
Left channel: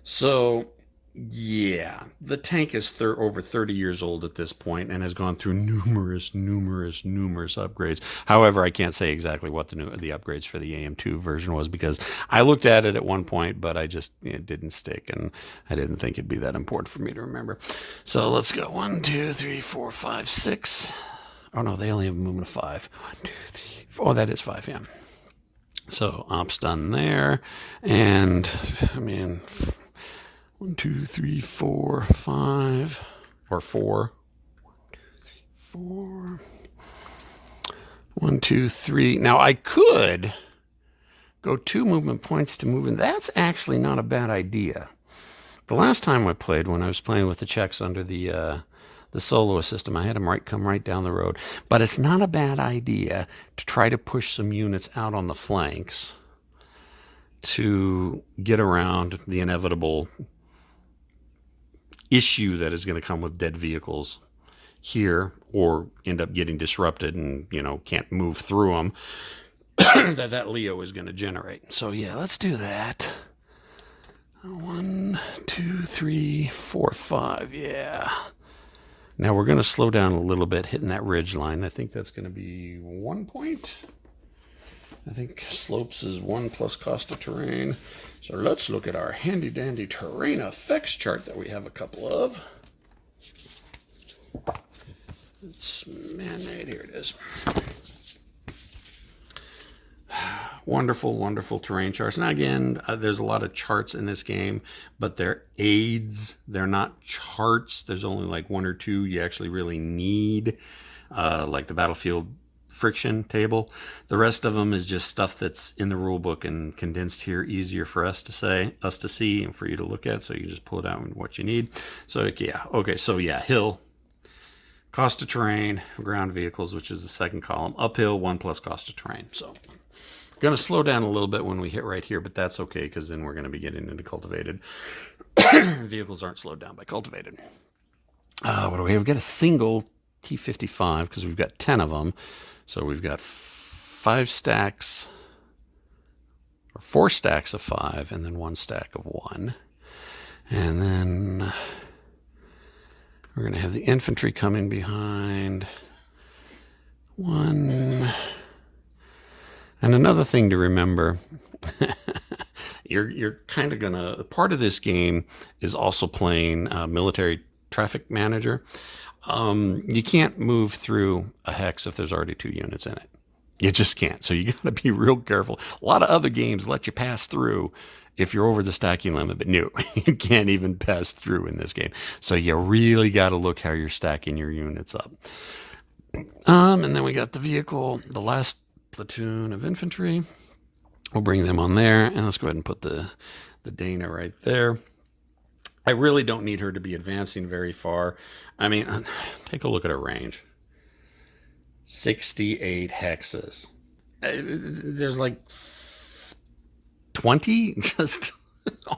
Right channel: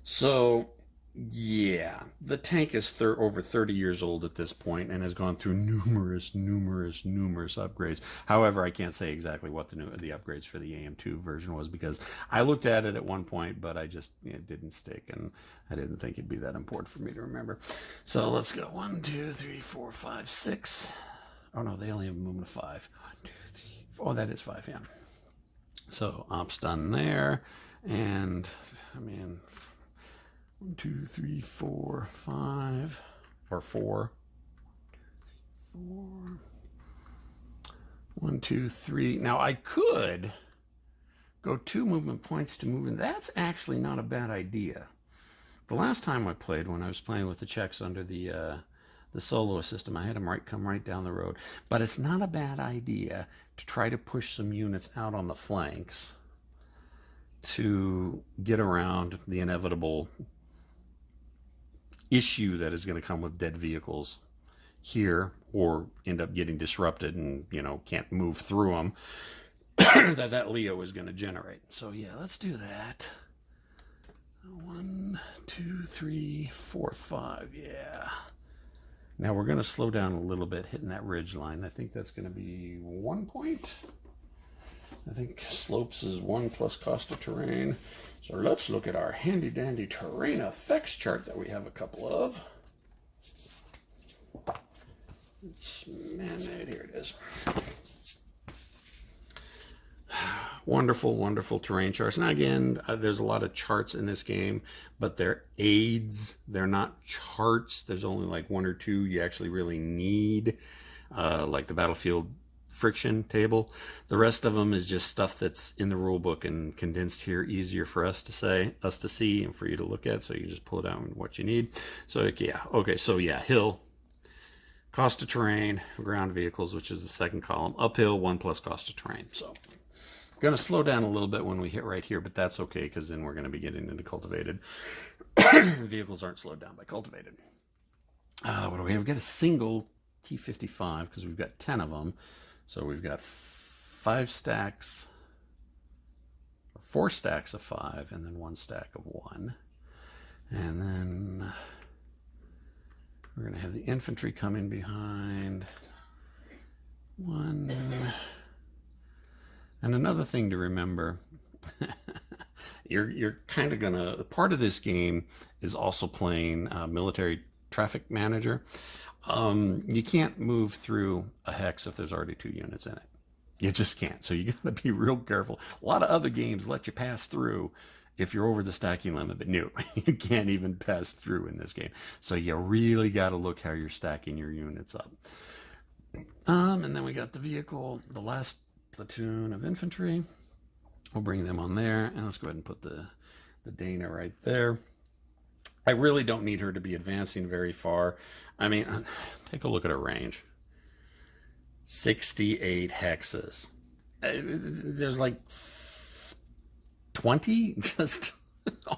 So, yeah, the tank is over 30 years old at this point and has gone through numerous upgrades. However, I can't say exactly what the upgrades for the AM2 version was, because I looked at it at one point, but it didn't stick, and I didn't think it'd be that important for me to remember. So let's go 1, 2, 3, 4, 5, 6. Oh no, they only have a movement of 5. 1, 2, 3, 4. Oh, that is 5, yeah. So ops done there, and I mean, 1, 2, 3, 4, 5, or 4. 1, 2, 3, 4. 1, 2, 3. Now I could go 2 movement points to move in. That's actually not a bad idea. The last time I played, when I was playing with the Czechs under the soloist system, I had them come right down the road. But it's not a bad idea to try to push some units out on the flanks to get around the inevitable issue that is going to come with dead vehicles here, or end up getting disrupted and can't move through them that Leo is going to generate. So yeah, let's do that. 1, 2, 3, 4, 5. Yeah. Now we're going to slow down a little bit, hitting that ridge line. I think that's going to be 1 point. I think slopes is 1 plus cost of terrain. So let's look at our handy dandy terrain effects chart that we have a couple of. It's man-made. Here it is. Wonderful terrain charts. Now again, there's a lot of charts in this game, but they're aids. They're not charts. There's only like 1 or 2 you actually really need, like the battlefield friction table. The rest of them is just stuff that's in the rule book and condensed here, easier for us to see and for you to look at. So you just pull it out and what you need. So yeah, okay. So yeah, hill, cost of terrain, ground vehicles, which is the second column. Uphill, 1 plus cost of terrain. So going to slow down a little bit when we hit right here, but that's okay, because then we're going to be getting into cultivated. Vehicles aren't slowed down by cultivated. What do we have? We've got a single T-55, because we've got 10 of them. So we've got 5 stacks, or 4 stacks of 5, and then 1 stack of 1. And then we're going to have the infantry coming behind. 1. And another thing to remember you're kind of gonna, part of this game is also playing military traffic manager. You can't move through a hex if there's already 2 units in it. You just can't. So you got to be real careful. A lot of other games let you pass through if you're over the stacking limit, but no, you can't even pass through in this game. So you really got to look how you're stacking your units up. And then we got the vehicle, the last platoon of infantry. We'll bring them on there, and let's go ahead and put the Dana right there. I really don't need her to be advancing very far. I mean, take a look at her range. 68 hexes. There's like 20 just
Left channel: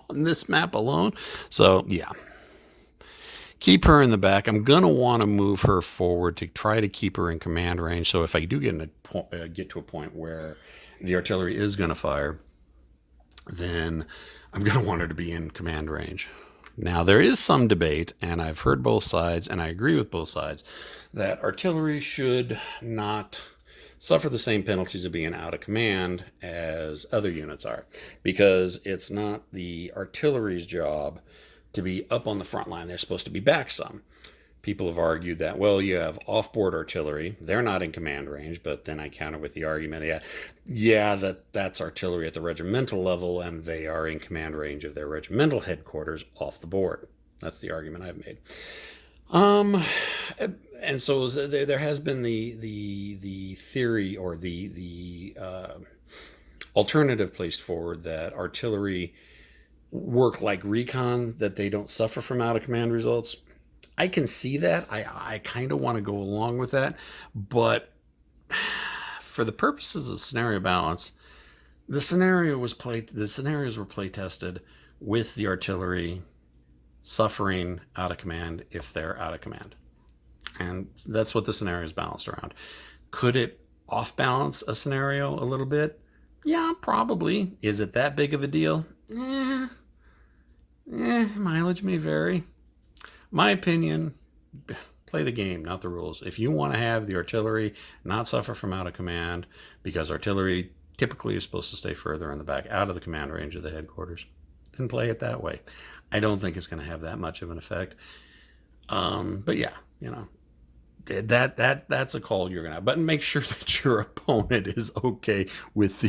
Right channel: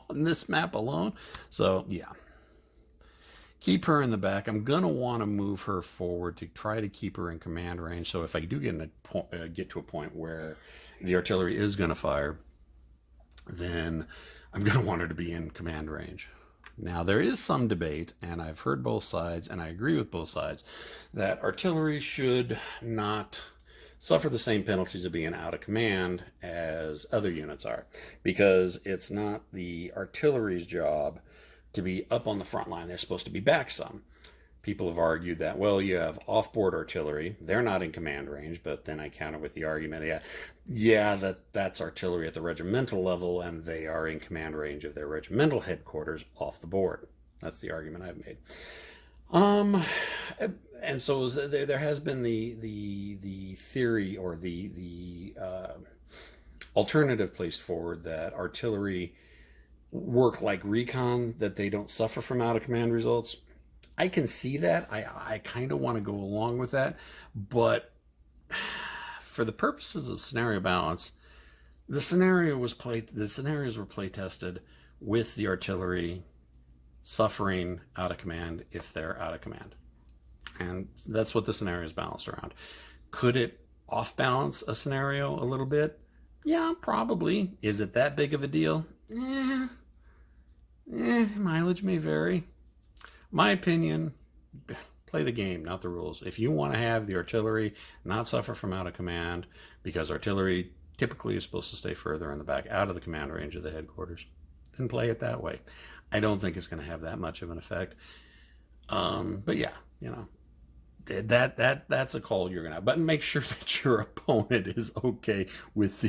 on this map alone. So, yeah. Keep her in the back. I'm going to want to move her forward to try to keep her in command range. So if I do get to a point where the artillery is going to fire, then I'm going to want her to be in command range. Now, there is some debate, and I've heard both sides, and I agree with both sides, that artillery should not suffer the same penalties of being out of command as other units are, because it's not the artillery's job to be up on the front line. They're supposed to be back some. People have argued that, well, you have off-board artillery. They're not in command range, but then I counter with the argument, that's artillery at the regimental level, and they are in command range of their regimental headquarters off the board. That's the argument I've made. And so there has been the theory, or the alternative placed forward, that artillery work like recon, that they don't suffer from out of command results. I can see that. I kind of want to go along with that, but for the purposes of scenario balance, the scenarios were play tested with the artillery suffering out of command if they're out of command, and that's what the scenario is balanced around. Could it off balance a scenario a little bit? Yeah, probably. Is it that big of a deal? Mileage may vary. My opinion, play the game, not the rules. If you want to have the artillery not suffer from out of command, because artillery typically is supposed to stay further in the back, out of the command range of the headquarters, then play it that way. I don't think it's going to have that much of an effect. But yeah, that's a call you're gonna have. But make sure that your opponent is okay with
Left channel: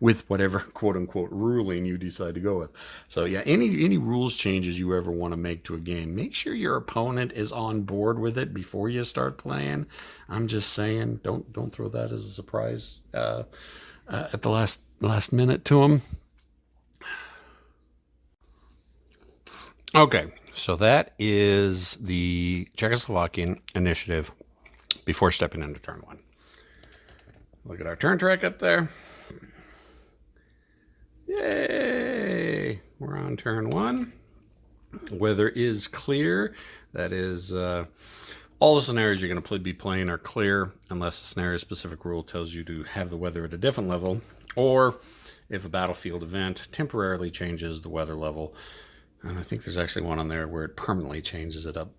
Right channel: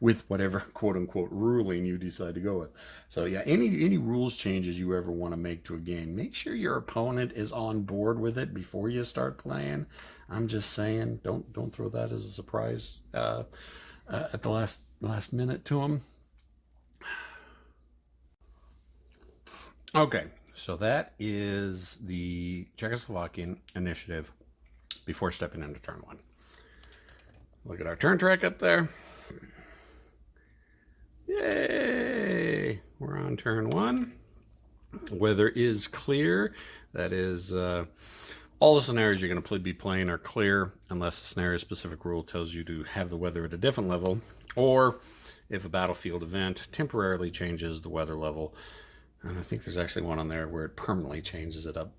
with whatever quote unquote ruling you decide to go with. So yeah, any rules changes you ever want to make to a game, make sure your opponent is on board with it before you start playing. I'm just saying, don't throw that as a surprise at the last minute to them. Okay, so that is the Czechoslovakian initiative before stepping into turn 1. Look at our turn track up there. Yay! We're on turn 1. Weather is clear. That is, all the scenarios you're going to be playing are clear, unless a scenario-specific rule tells you to have the weather at a different level, or if a battlefield event temporarily changes the weather level. And I think there's actually one on there where it permanently changes it up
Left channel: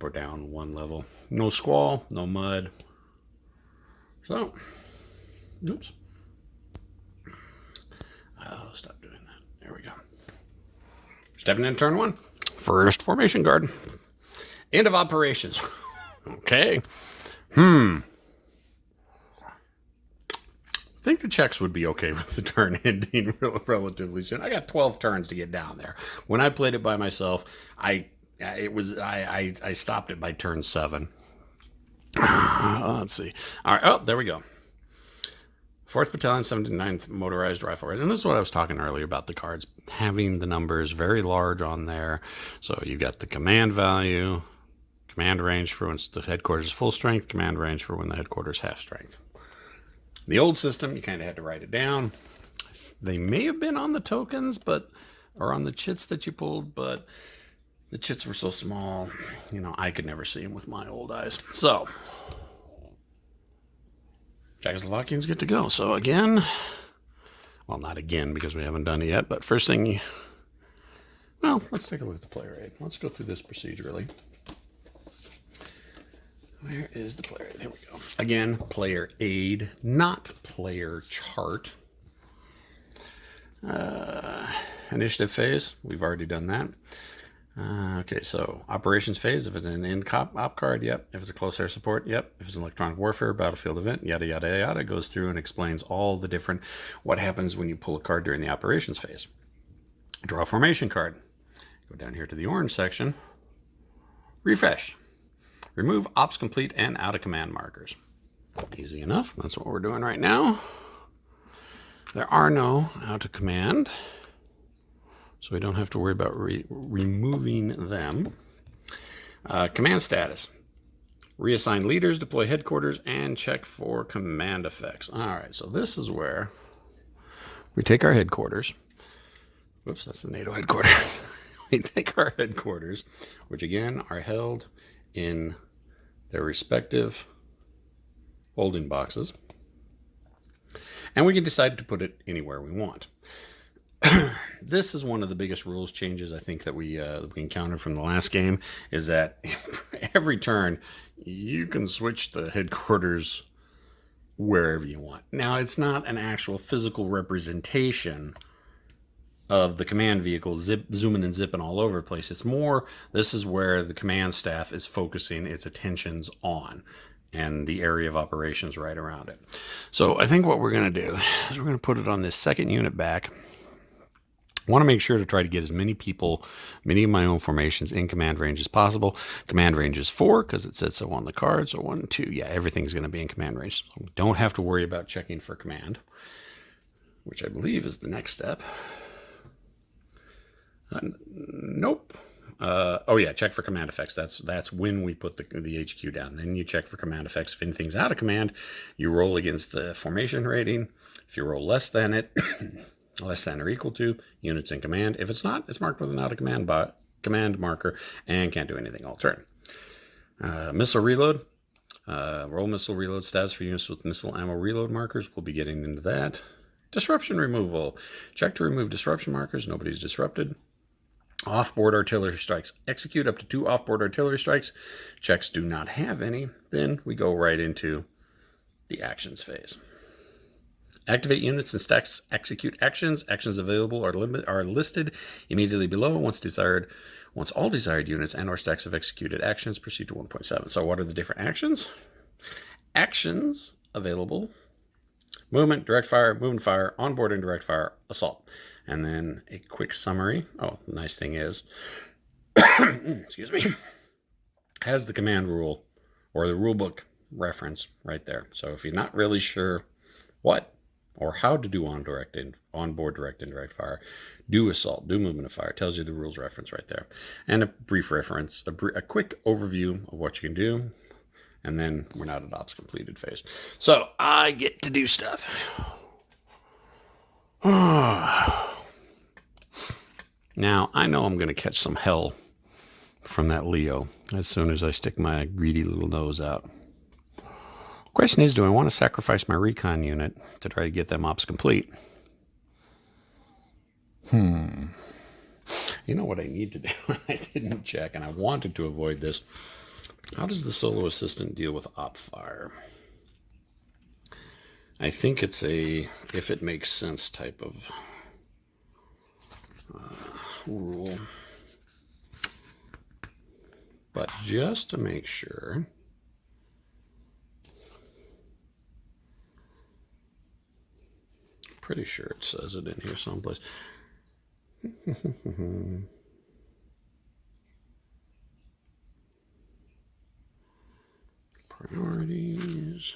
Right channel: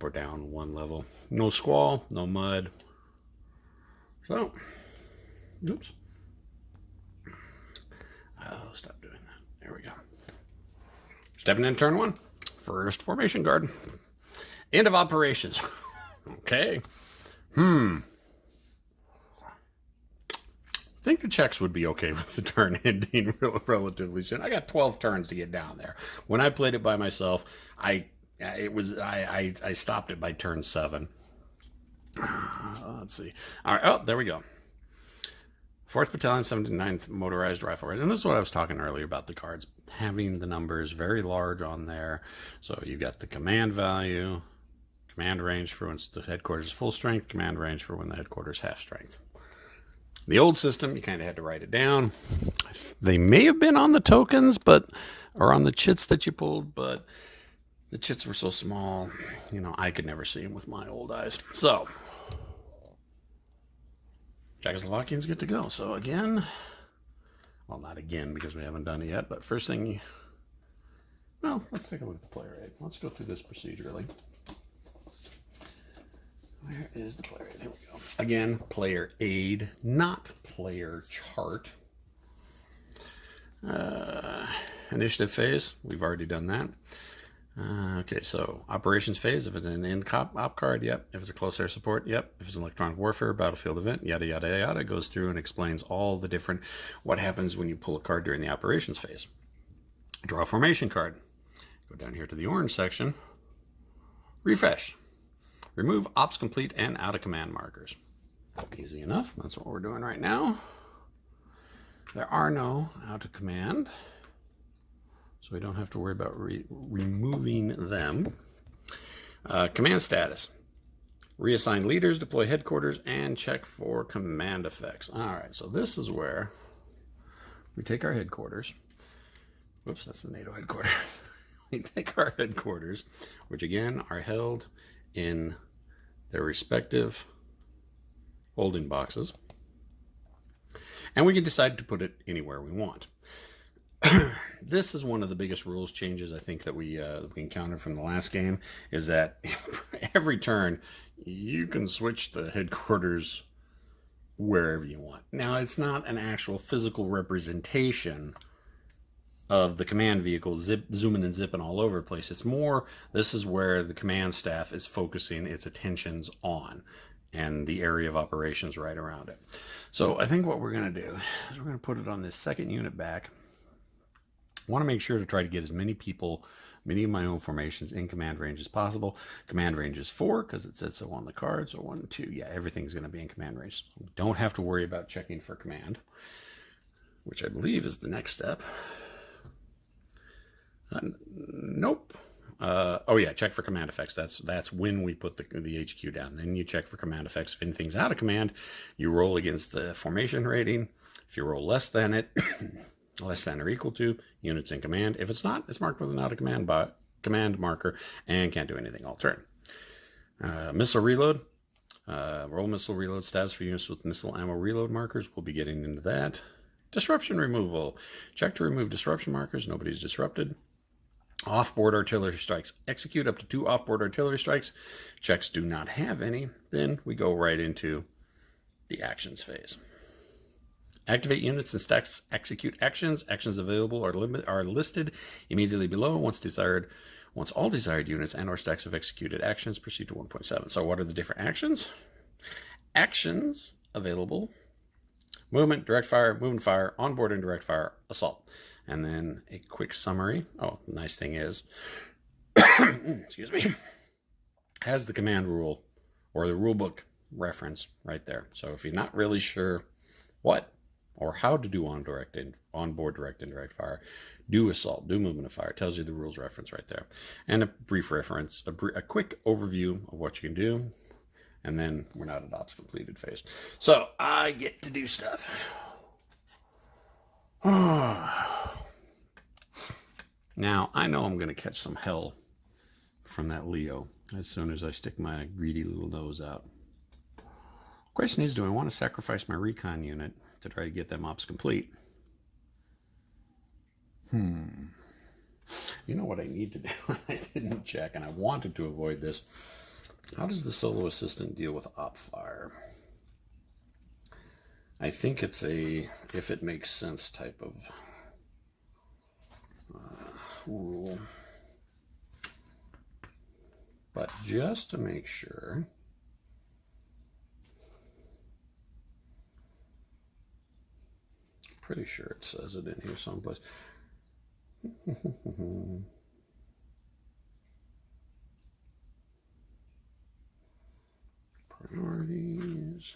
or down 1 level. No squall, no mud. So, oops. Oh, stop doing that. There we go. Stepping in turn 1. First formation guard. End of operations. Okay. I think the Czechs would be okay with the turn ending relatively soon. I got 12 turns to get down there. When I played it by myself, I stopped it by turn 7. Let's see. All right. Oh, there we go. 4th Battalion, 79th Motorized Rifle. And this is what I was talking earlier about the cards, having the numbers very large on there. So you've got the command value, command range for when the headquarters is full strength, command range for when the headquarters half strength. The old system, you kind of had to write it down. They may have been on the tokens, or on the chits that you pulled, but the chits were so small, I could never see them with my old eyes. So, Czechoslovakians get to go. So again, well, not again because we haven't done it yet, but first thing, let's take a look at the player aid. Let's go through this procedurally. Where is the player aid? Here we go. Again, player aid, not player chart. initiative phase, we've already done that. Okay, so operations phase, if it's an op card, yep. If it's a close air support, yep. If it's an electronic warfare, battlefield event, yada, yada, yada, goes through and explains all the different, what happens when you pull a card during the operations phase. Draw a formation card. Go down here to the orange section. Refresh. Remove ops complete and out of command markers. Easy enough. That's what we're doing right now. There are no out of command, so we don't have to worry about removing them. Command status. Reassign leaders, deploy headquarters, and check for command effects. All right, so this is where we take our headquarters. Whoops, that's the NATO headquarters. We take our headquarters, which again are held in their respective holding boxes, and we can decide to put it anywhere we want. This is one of the biggest rules changes I think that we encountered from the last game, is that every turn you can switch the headquarters wherever you want. Now, it's not an actual physical representation of the command vehicle zooming and zipping all over the place. It's more, this is where the command staff is focusing its attentions on, and the area of operations right around it. So I think what we're going to do is we're going to put it on this second unit back. I want to make sure to try to get as many people, many of my own formations in command range as possible. Command range is 4 because it said so on the card. So 1, 2, yeah, everything's going to be in command range. So we don't have to worry about checking for command, which I believe is the next step. Nope. Oh yeah, check for command effects. That's when we put the HQ down. Then you check for command effects. If anything's out of command, you roll against the formation rating. If you roll less than it, less than or equal to, units in command. If it's not, it's marked with an out of command marker and can't do anything all turn. Missile reload. Roll missile reload status for units with missile ammo reload markers. We'll be getting into that. Disruption removal. Check to remove disruption markers. Nobody's disrupted. Off-board artillery strikes. Execute up to 2 off-board artillery strikes. Czechs do not have any. Then we go right into the actions phase. Activate units and stacks. Execute actions. Actions available are listed immediately below. Once all desired units and or stacks have executed actions, proceed to 1.7. So what are the different actions? Actions available. Movement, direct fire, move and fire, onboard and direct fire, assault. And then a quick summary. Oh, the nice thing is, excuse me, has the command rule or the rule book reference right there. So if you're not really sure what or how to do onboard direct and direct fire, do assault, do movement of fire. It tells you the rules reference right there. And a brief reference, a quick overview of what you can do. And then we're not at ops completed phase. So I get to do stuff. Now, I know I'm going to catch some hell from that Leo as soon as I stick my greedy little nose out. Question is, do I want to sacrifice my recon unit to try to get them ops complete? You know what I need to do? I didn't check, and I wanted to avoid this. How does the solo assistant deal with op fire? I think it's a if it makes sense type of rule. But just to make sure, pretty sure it says it in here someplace. Priorities,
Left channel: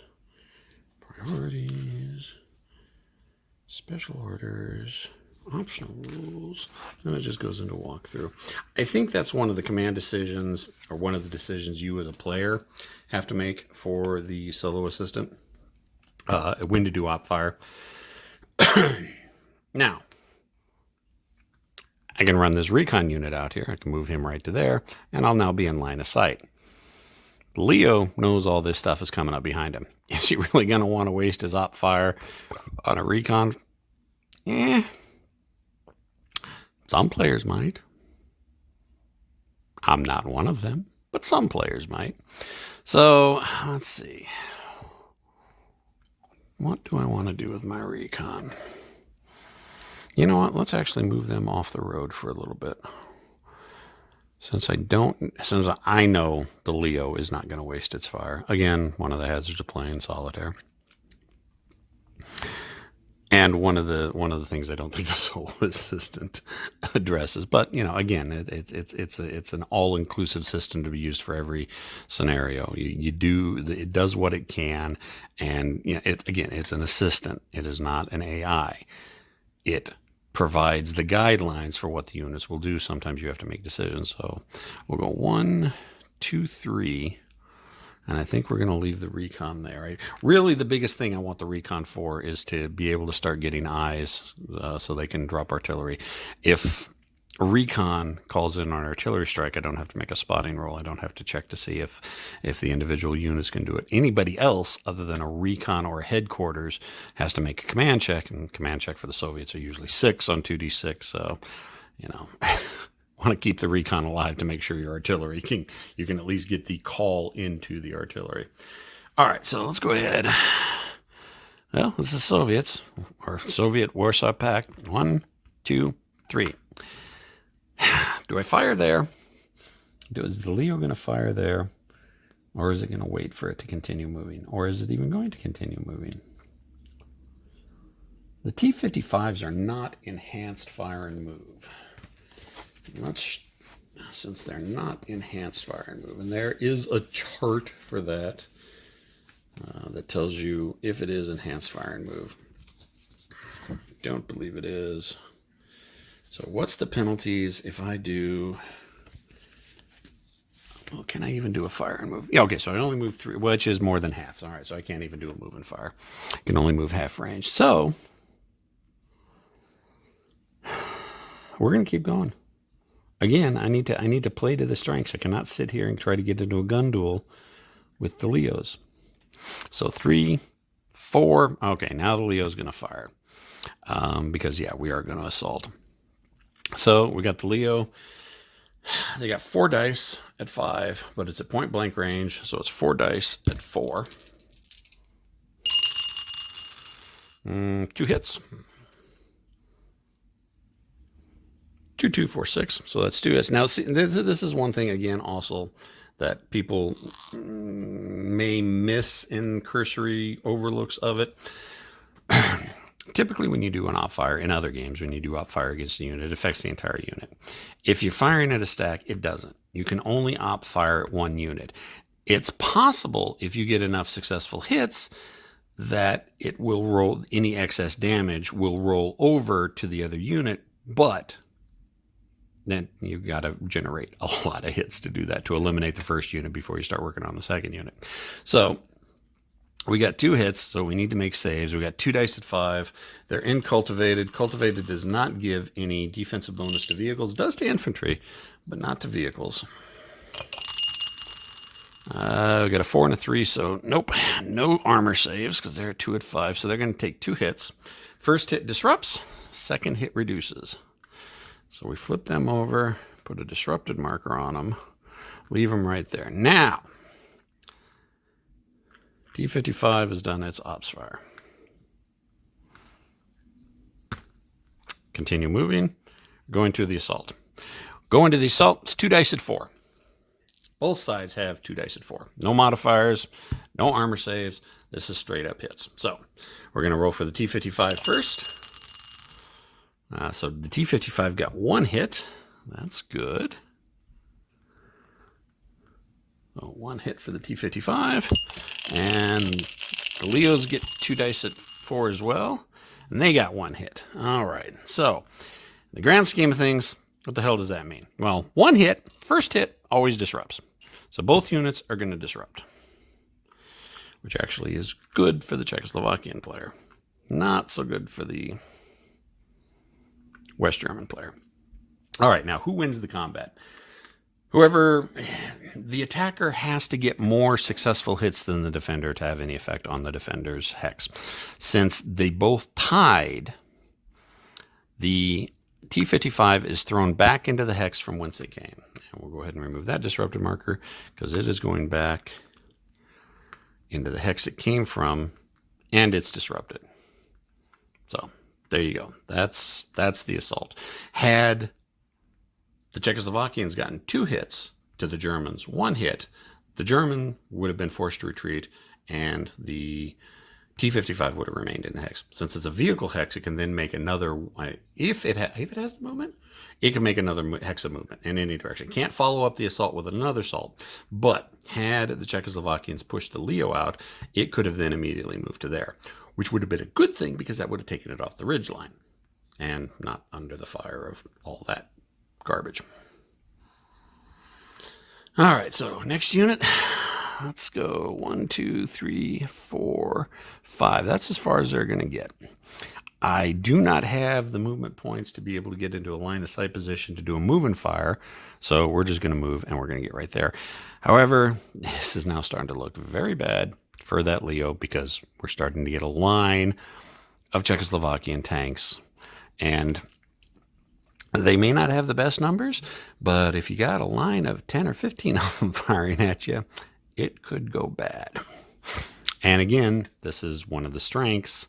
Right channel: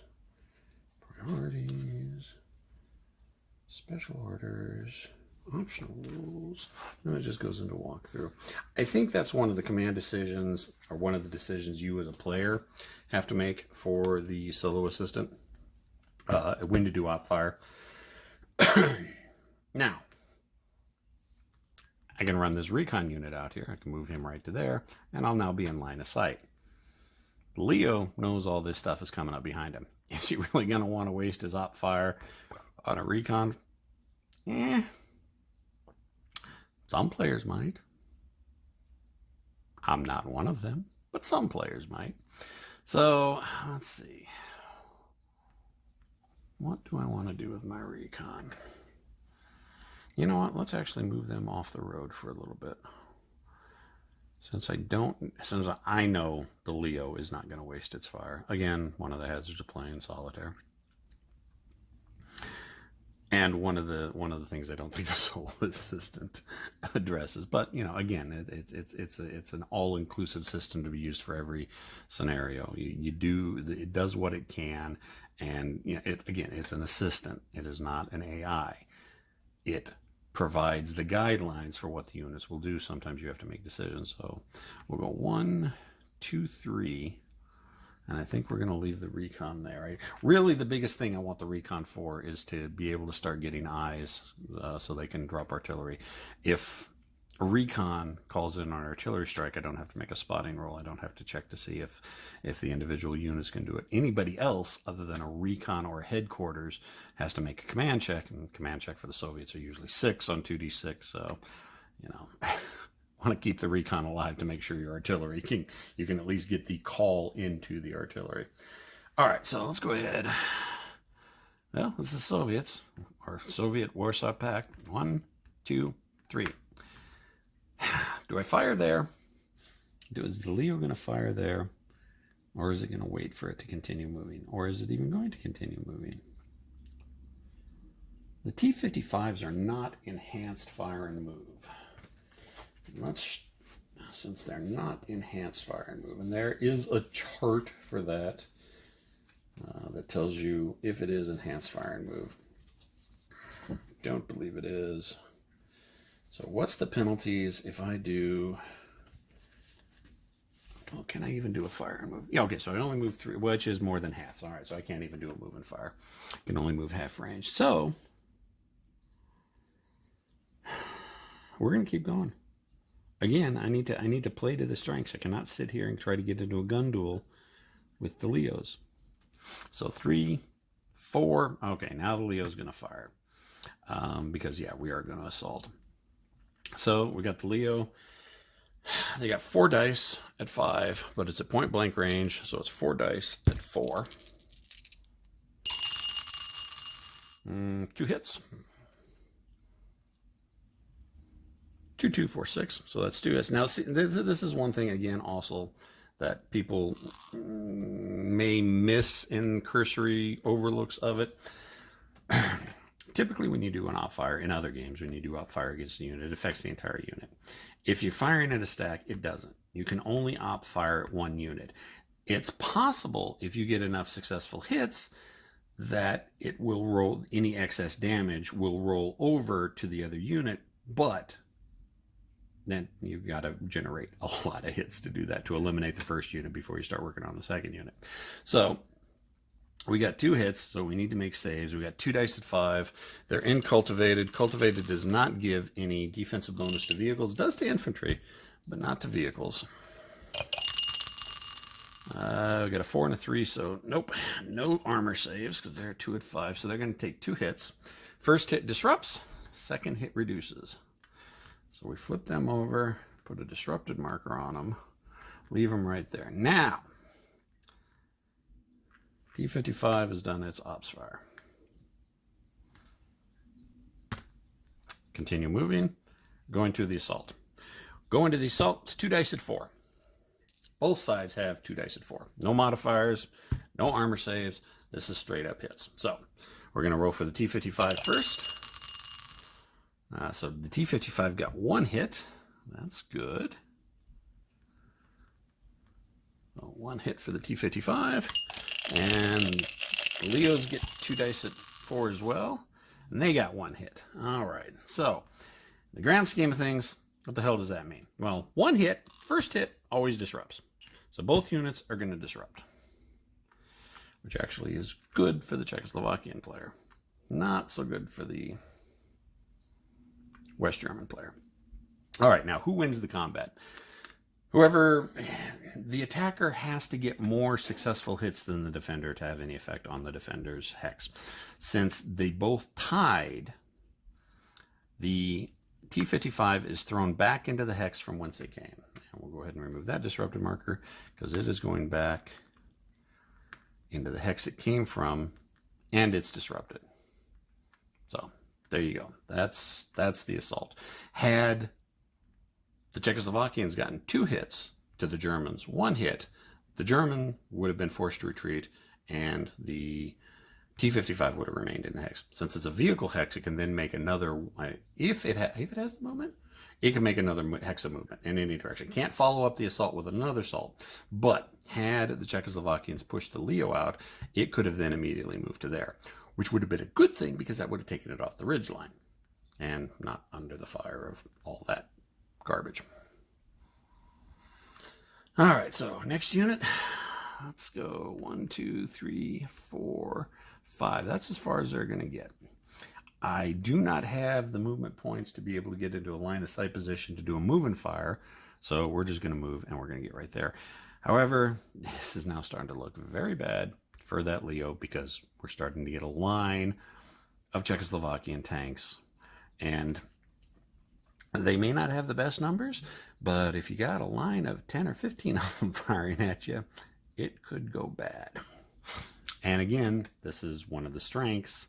special orders, optional rules, and it just goes into walkthrough. I think that's one of the command decisions, or one of the decisions you as a player have to make for the solo assistant, when to do op fire. Now, I can run this recon unit out here. I can move him right to there, and I'll now be in line of sight. Leo knows all this stuff is coming up behind him. Is he really going to want to waste his op fire on a recon? Some players might. I'm not one of them, but some players might. So, let's see. What do I want to do with my recon? You know what? Let's actually move them off the road for a little bit. Since I know the Leo is not going to waste its fire. Again, one of the hazards of playing solitaire. And one of the things I don't think the solo assistant addresses, but again, it's an all-inclusive system to be used for every scenario. It does what it can, and it's an assistant. It is not an AI. It provides the guidelines for what the units will do. Sometimes you have to make decisions. So we'll go 1, 2, 3. And I think we're going to leave the recon there. Right? Really, the biggest thing I want the recon for is to be able to start getting eyes so they can drop artillery. If recon calls in on artillery strike, I don't have to make a spotting roll. I don't have to check to see if the individual units can do it. Anybody else other than a recon or a headquarters has to make a command check, and command check for the Soviets are usually 6 on 2d6. So, want to keep the recon alive to make sure your artillery you can at least get the call into the artillery. All right, so let's go ahead. Well, this is Soviets, or Soviet Warsaw Pact. 1, 2, 3. Do I fire there? Is the Leo going to fire there? Or is it going to wait for it to continue moving? Or is it even going to continue moving? The T-55s are not enhanced fire and move. Since they're not enhanced fire and move, and there is a chart for that that tells you if it is enhanced fire and move. Don't believe it is. So what's the penalties if I do? Well, can I even do a fire and move? Yeah, okay, so I only move 3, which is more than half. All right, so I can't even do a move and fire. I can only move half range. So we're going to keep going. Again, I need to play to the strengths. I cannot sit here and try to get into a gun duel with the Leos. So 3, 4. Okay, now the Leo's going to fire. Because, we are going to assault. So we got the Leo. They got 4 dice at 5, but it's at point blank range. So it's 4 dice at 4. 2 hits. 2, 2, 4, 6. So that's 2 hits. Now, see, this is one thing, again, also that people may miss in cursory overlooks of it. Typically, when you do an op fire in other games, when you do op fire against a unit, it affects the entire unit. If you're firing at a stack, it doesn't. You can only op fire at one unit. It's possible, if you get enough successful hits, that it will roll, any excess damage will roll over to the other unit, but then you've got to generate a lot of hits to do that, to eliminate the first unit before you start working on the second unit. So we got 2 hits, so we need to make saves. We got 2 dice at 5. They're in cultivated. Cultivated does not give any defensive bonus to vehicles. Does to infantry, but not to vehicles. We got a 4 and a 3, so nope. No armor saves because they're at 2 at 5. So they're going to take 2 hits. First hit disrupts. Second hit reduces. So we flip them over, put a disrupted marker on them, leave them right there. Now, T-55 has done its ops fire. Continue moving, going to the assault. Going to the assault, it's 2 dice at 4. Both sides have 2 dice at 4. No modifiers, no armor saves. This is straight up hits. So we're going to roll for the T-55 first. So the T-55 got 1 hit. That's good. So 1 hit for the T-55. And the Leos get 2 dice at 4 as well. And they got 1 hit. All right. So in the grand scheme of things, what the hell does that mean? Well, 1 hit, first hit, always disrupts. So both units are going to disrupt, which actually is good for the Czechoslovakian player. Not so good for the West German player. All right, now who wins the combat? The attacker has to get more successful hits than the defender to have any effect on the defender's hex. Since they both tied, the T-55 is thrown back into the hex from whence it came. And we'll go ahead and remove that disrupted marker because it is going back into the hex it came from, and it's disrupted. So There you go. That's the assault. Had the Czechoslovakians gotten 2 hits to the Germans, 1 hit, the German would have been forced to retreat, and the T-55 would have remained in the hex. Since it's a vehicle hex, it can then make another, if it has the movement, it can make another hex of movement in any direction. It can't follow up the assault with another assault. But had the Czechoslovakians pushed the Leo out, it could have then immediately moved to there, which would have been a good thing because that would have taken it off the ridge line and not under the fire of all that garbage. All right, so next unit. Let's go 1, 2, 3, 4, 5. That's as far as they're going to get. I do not have the movement points to be able to get into a line of sight position to do a move and fire, so we're just going to move and we're going to get right there. However, this is now starting to look very bad for that Leo because we're starting to get a line of Czechoslovakian tanks, and they may not have the best numbers, but if you got a line of 10 or 15 of them firing at you, it could go bad. And again, this is one of the strengths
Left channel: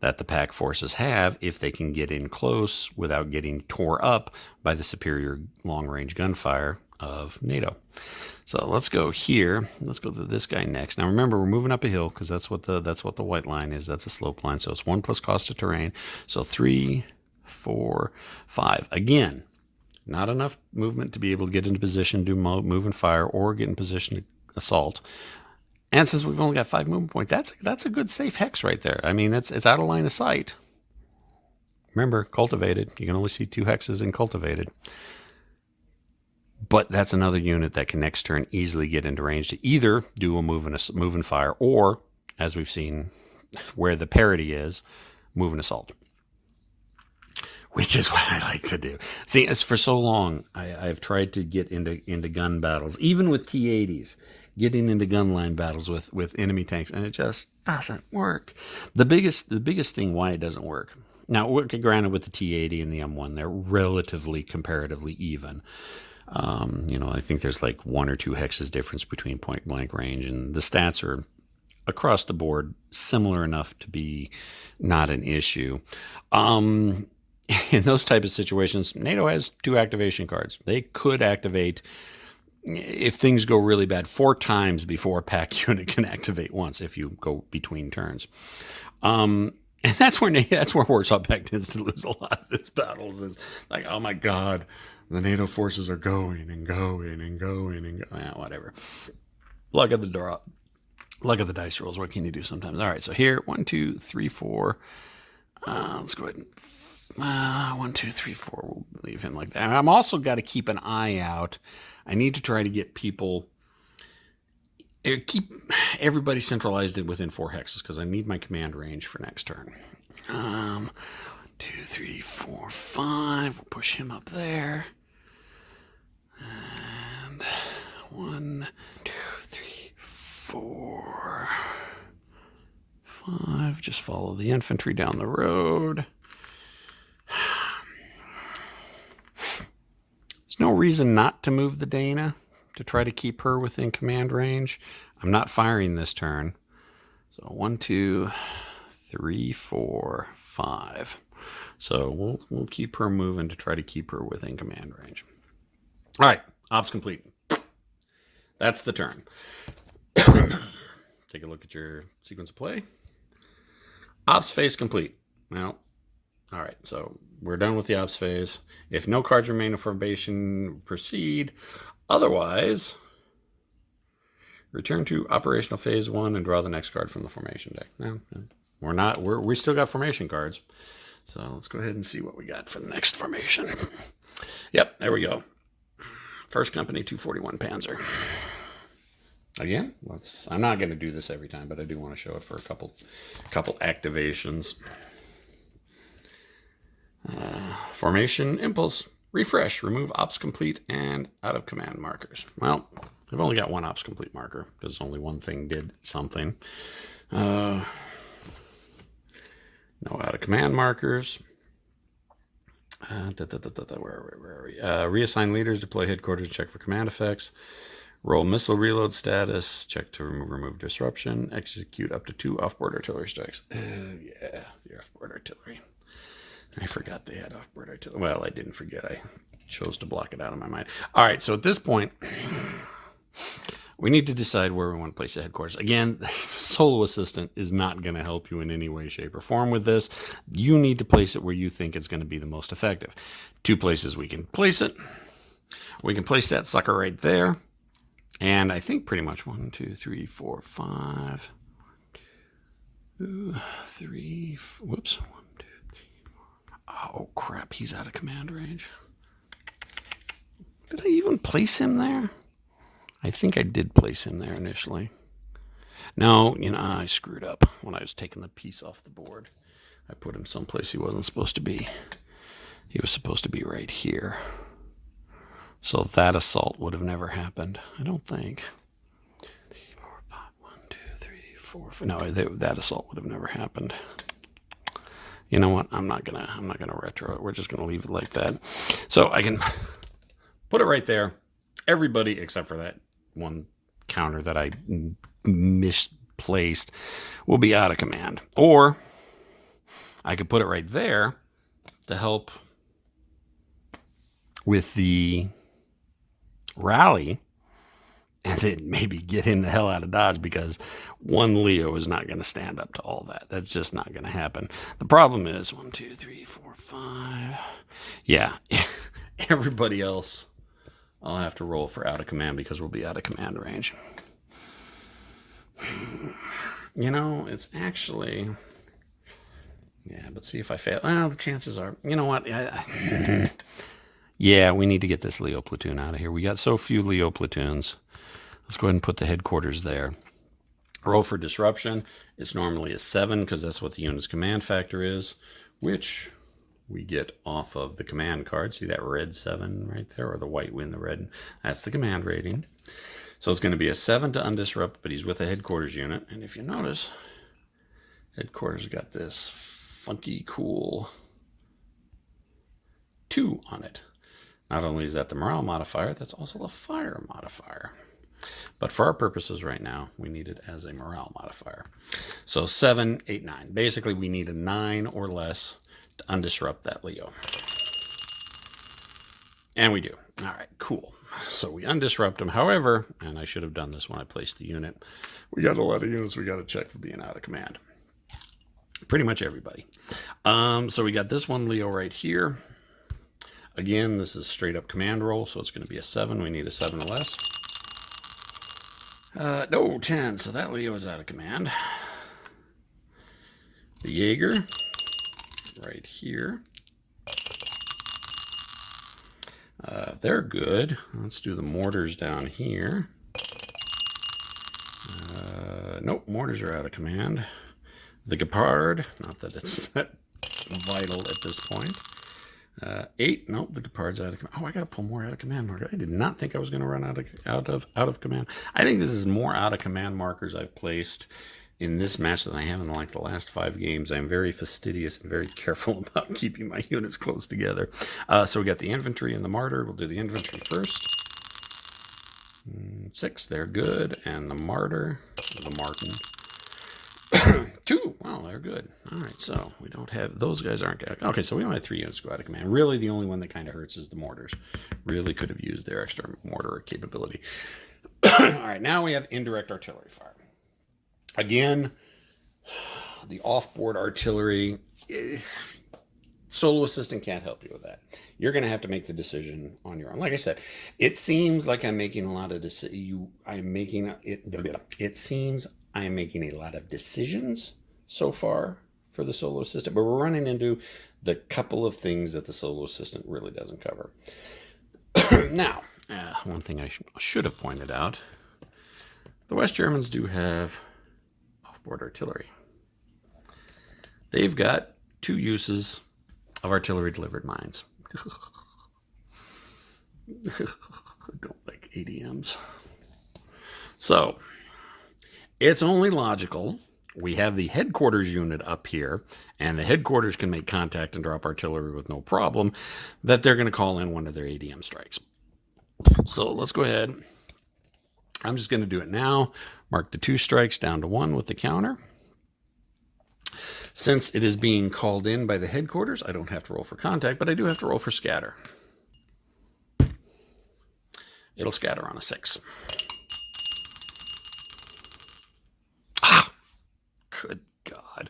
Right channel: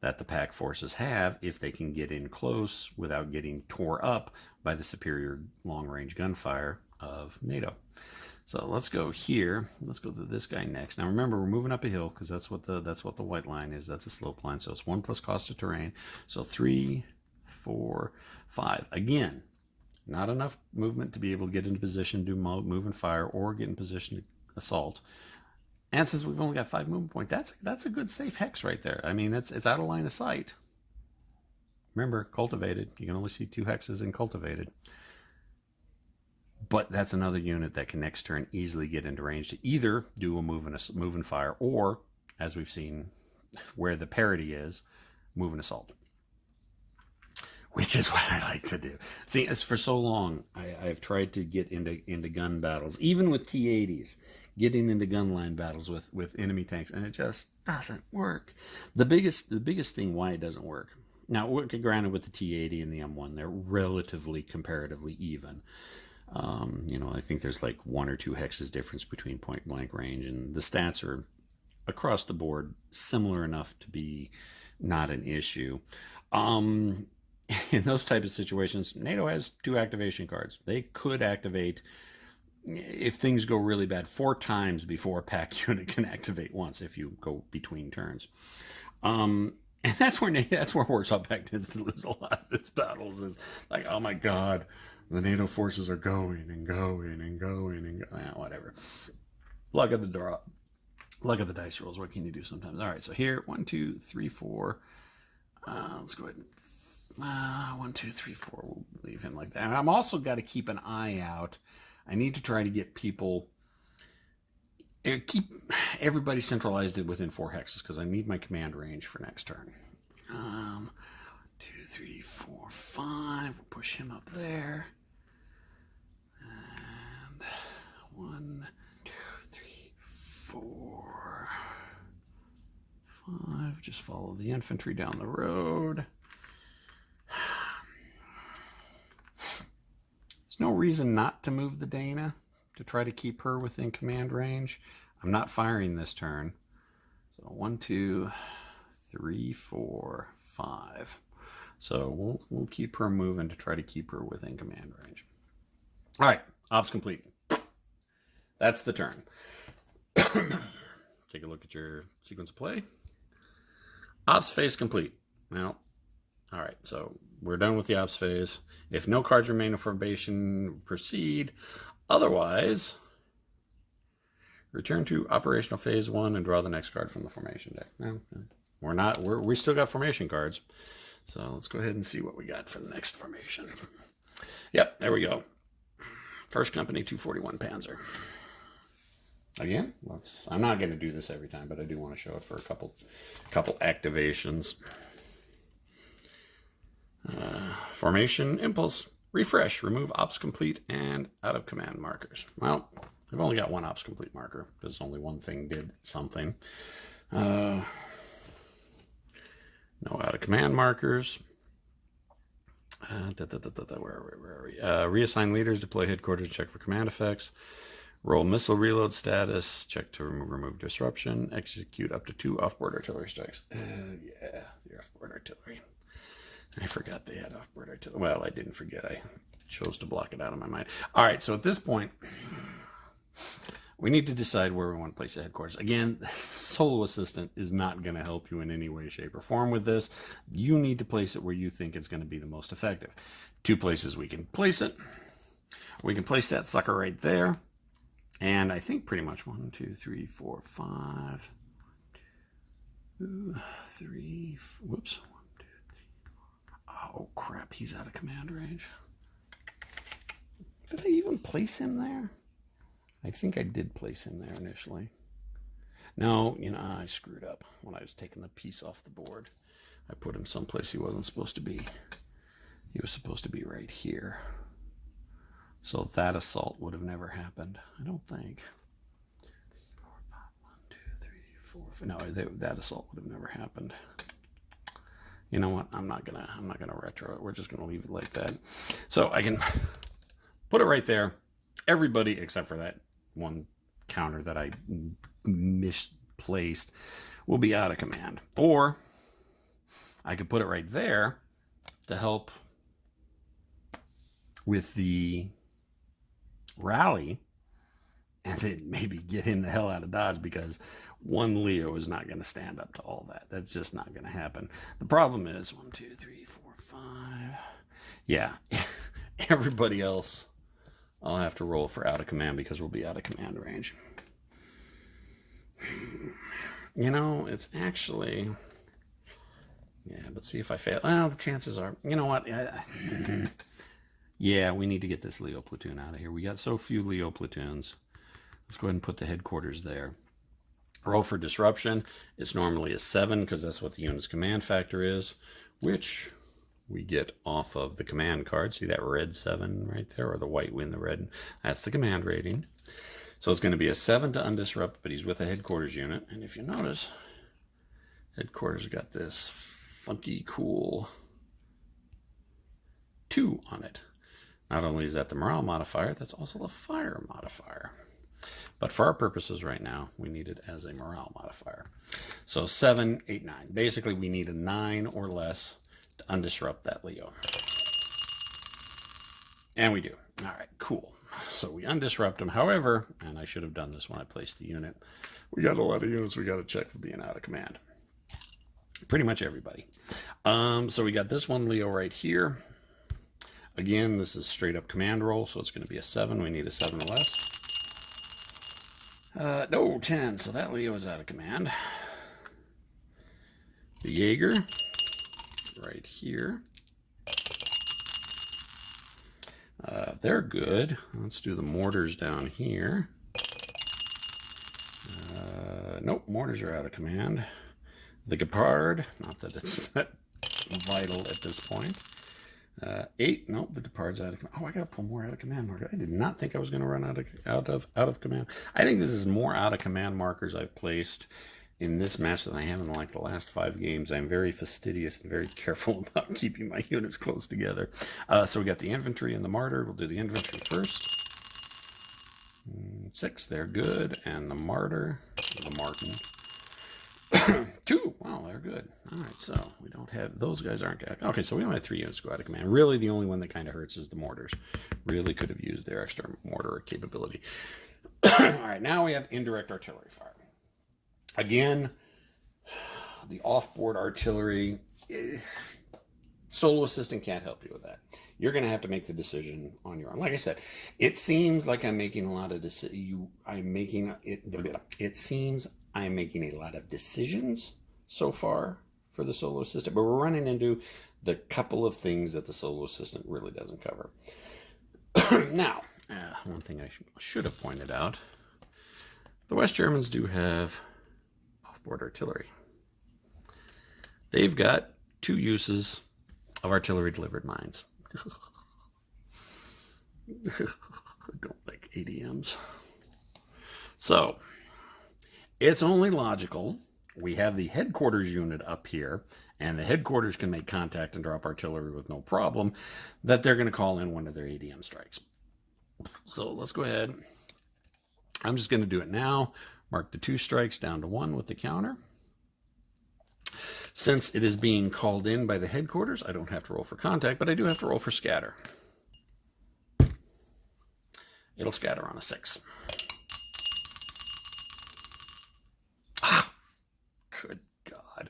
that the pack forces have if they can get in close without getting tore up by the superior long-range gunfire of NATO. So let's go here. Let's go to this guy next. Now remember, we're moving up a hill because that's what the white line is. That's a slope line. So it's 1 plus cost of terrain. So 3, 4, 5. Again, not enough movement to be able to get into position, do move and fire, or get in position to assault. And since we've only got 5 movement points, that's a good safe hex right there. I mean, it's out of line of sight. Remember, cultivated. You can only see 2 hexes in cultivated. But that's another unit that can next turn easily get into range to either do a move and fire, or, as we've seen where the parity is, move and assault. Which is what I like to do. See, as for so long, I've tried to get into gun battles, even with T-80s, getting into gun line battles with enemy tanks, and it just doesn't work. The biggest thing why it doesn't work. Now, granted, with the T-80 and the M1, they're relatively comparatively even. I think there's like 1 or 2 hexes difference between point blank range, and the stats are across the board similar enough to be not an issue. In those type of situations, NATO has 2 activation cards. They could activate, if things go really bad, 4 times before a pack unit can activate once if you go between turns. And that's where Warsaw Pact tends to lose a lot of its battles. Is like, oh my God, the NATO forces are going and going and going and whatever. Luck of the draw. Luck of the dice rolls. What can you do sometimes? All right, so here, 1, 2, 3, 4. Let's go ahead and 1, 2, 3, 4. We'll leave him like that. And I'm also got to keep an eye out. I need to try to get people, keep everybody centralized within 4 hexes because I need my command range for next turn. 2, 3, 4, 5. We'll push him up there. And 1, 2, 3, 4, 5. Just follow the infantry down the road. There's no reason not to move the Dana to try to keep her within command range. I'm not firing this turn. So 1, 2, 3, 4, 5. So we'll keep her moving to try to keep her within command range. All right, ops complete. That's the turn. Take a look at your sequence of play. Ops phase complete. Well, all right, so we're done with the ops phase. If no cards remain in formation, proceed. Otherwise, return to operational phase 1 and draw the next card from the formation deck. No, we're not. We still got formation cards. So let's go ahead and see what we got for the next formation. Yep, there we go. First Company 241 Panzer. Again, I'm not going to do this every time, but I do want to show it for a couple activations. Formation impulse, refresh, remove ops complete and out of command markers. Well, I've only got 1 ops complete marker because only one thing did something. No out of command markers. Where are we? Reassign leaders, deploy headquarters, check for command effects. Roll missile reload status, check to remove disruption, execute up to 2 offboard artillery strikes. Yeah, the offboard artillery. I forgot they had off-board artillery. Well, I didn't forget. I chose to block it out of my mind. All right, so at this point, we need to decide where we want to place the headquarters. Again, the solo assistant is not going to help you in any way, shape, or form with this. You need to place it where you think it's going to be the most effective. Two places we can place it. We can place that sucker right there. And I think pretty much 1, 2, 3, 4, 5, 2, 3, whoops. 1, 2, 3, 4. Oh, crap. He's out of command range. Did I even place him there? I think I did place him there initially. No, I screwed up when I was taking the piece off the board. I put him someplace he wasn't supposed to be. He was supposed to be right here. So that assault would have never happened, I don't think. 2, 3, 4, 5, 1, 2, 3, 4, 5. No, that assault would have never happened. You know what? I'm not gonna retro it. We're just gonna leave it like that. So I can put it right there. Everybody except for that one counter that I misplaced will be out of command. Or I could put it right there to help with the rally, and then maybe get him the hell out of Dodge, because one Leo is not going to stand up to all that. That's just not going to happen. The problem is 1, 2, 3, 4, 5. Yeah, everybody else I'll have to roll for out of command because we'll be out of command range. It's actually... Yeah, but see if I fail. Well, the chances are... You know what? Yeah, we need to get this Leo platoon out of here. We got so few Leo platoons. Let's go ahead and put the headquarters there. Roll for disruption. It's normally a 7 because that's what the unit's command factor is, which we get off of the command card. See that red 7 right there, or the white win the red? That's the command rating. So it's going to be a 7 to undisrupt, but he's with a headquarters unit. And if you notice, headquarters got this funky, cool 2 on it. Not only is that the morale modifier, that's also the fire modifier. But for our purposes right now, we need it as a morale modifier. So 7, 8, 9. Basically, we need a 9 or less to undisrupt that Leo. And we do. All right, cool. So we undisrupt him. However, and I should have done this when I placed the unit, we got a lot of units we got to check for being out of command. Pretty much everybody. So we got this one Leo right here. Again, this is straight up command roll, so it's going to be a 7. We need a 7 or less. No, 10. So that Leo is out of command. The Jaeger right here. They're good. Let's do the mortars down here. Nope, mortars are out of command. The Gepard, not that it's that vital at this point. 8, nope, the Gepard's out of command. Oh, I gotta pull more out of command markers. I did not think I was gonna run out of command. I think this is more out of command markers I've placed in this match than I have in like the last 5 games. I'm very fastidious and very careful about keeping my units close together. So we got the infantry and the martyr. We'll do the infantry first. 6, they're good, and the martyr, the Martin. 2, wow, they're good. All right, so we don't have, those guys aren't good. Okay, so we only have 3 units go out of command. Really, the only one that kind of hurts is the mortars. Really could have used their extra mortar capability. All right, now we have indirect artillery fire. Again, the off-board artillery, solo assistant can't help you with that. You're going to have to make the decision on your own. Like I said, it seems like I'm making a lot of decisions. It seems I'm making a lot of decisions so far for the solo assistant, but we're running into the couple of things that the solo assistant really doesn't cover. Now, one thing I should have pointed out, the West Germans do have off-board artillery. They've got 2 uses of artillery-delivered mines. I don't like ADMs. So, it's only logical. We have the headquarters unit up here, and the headquarters can make contact and drop artillery with no problem, that they're going to call in one of their ADM strikes. So let's go ahead. I'm just going to do it now. Mark the 2 strikes down to 1 with the counter. Since it is being called in by the headquarters, I don't have to roll for contact, but I do have to roll for scatter. It'll scatter on a 6. Ah, good God.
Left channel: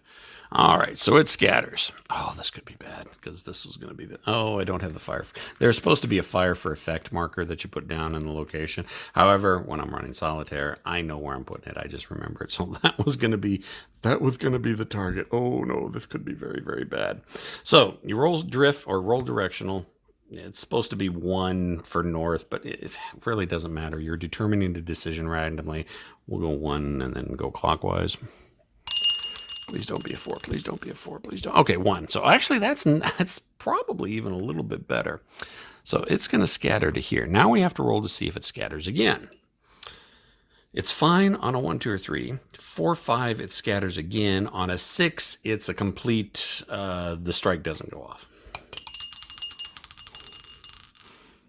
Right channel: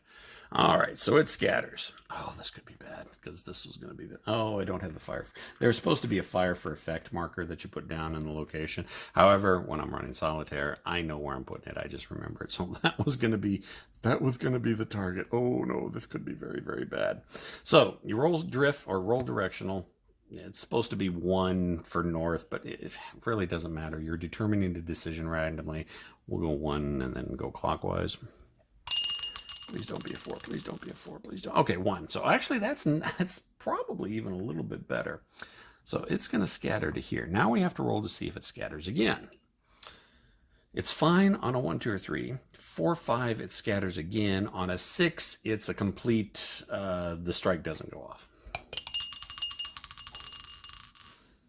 All right, so it scatters. Oh, this could be bad because this was going to be the... Oh, I don't have the fire. There's supposed to be a fire for effect marker that you put down in the location. However, when I'm running solitaire, I know where I'm putting it. I just remember it. So that was going to be the target. Oh, no, this could be very, very bad. So you roll drift or roll directional. It's supposed to be 1 for north, but it really doesn't matter. You're determining the decision randomly. We'll go 1 and then go clockwise. Please don't be a 4. Please don't be a 4. Please don't. Okay, 1. So actually, that's probably even a little bit better. So it's going to scatter to here. Now we have to roll to see if it scatters again. It's fine on a 1, 2, or 3. 4, 5, it scatters again. On a 6, it's a complete, the strike doesn't go off.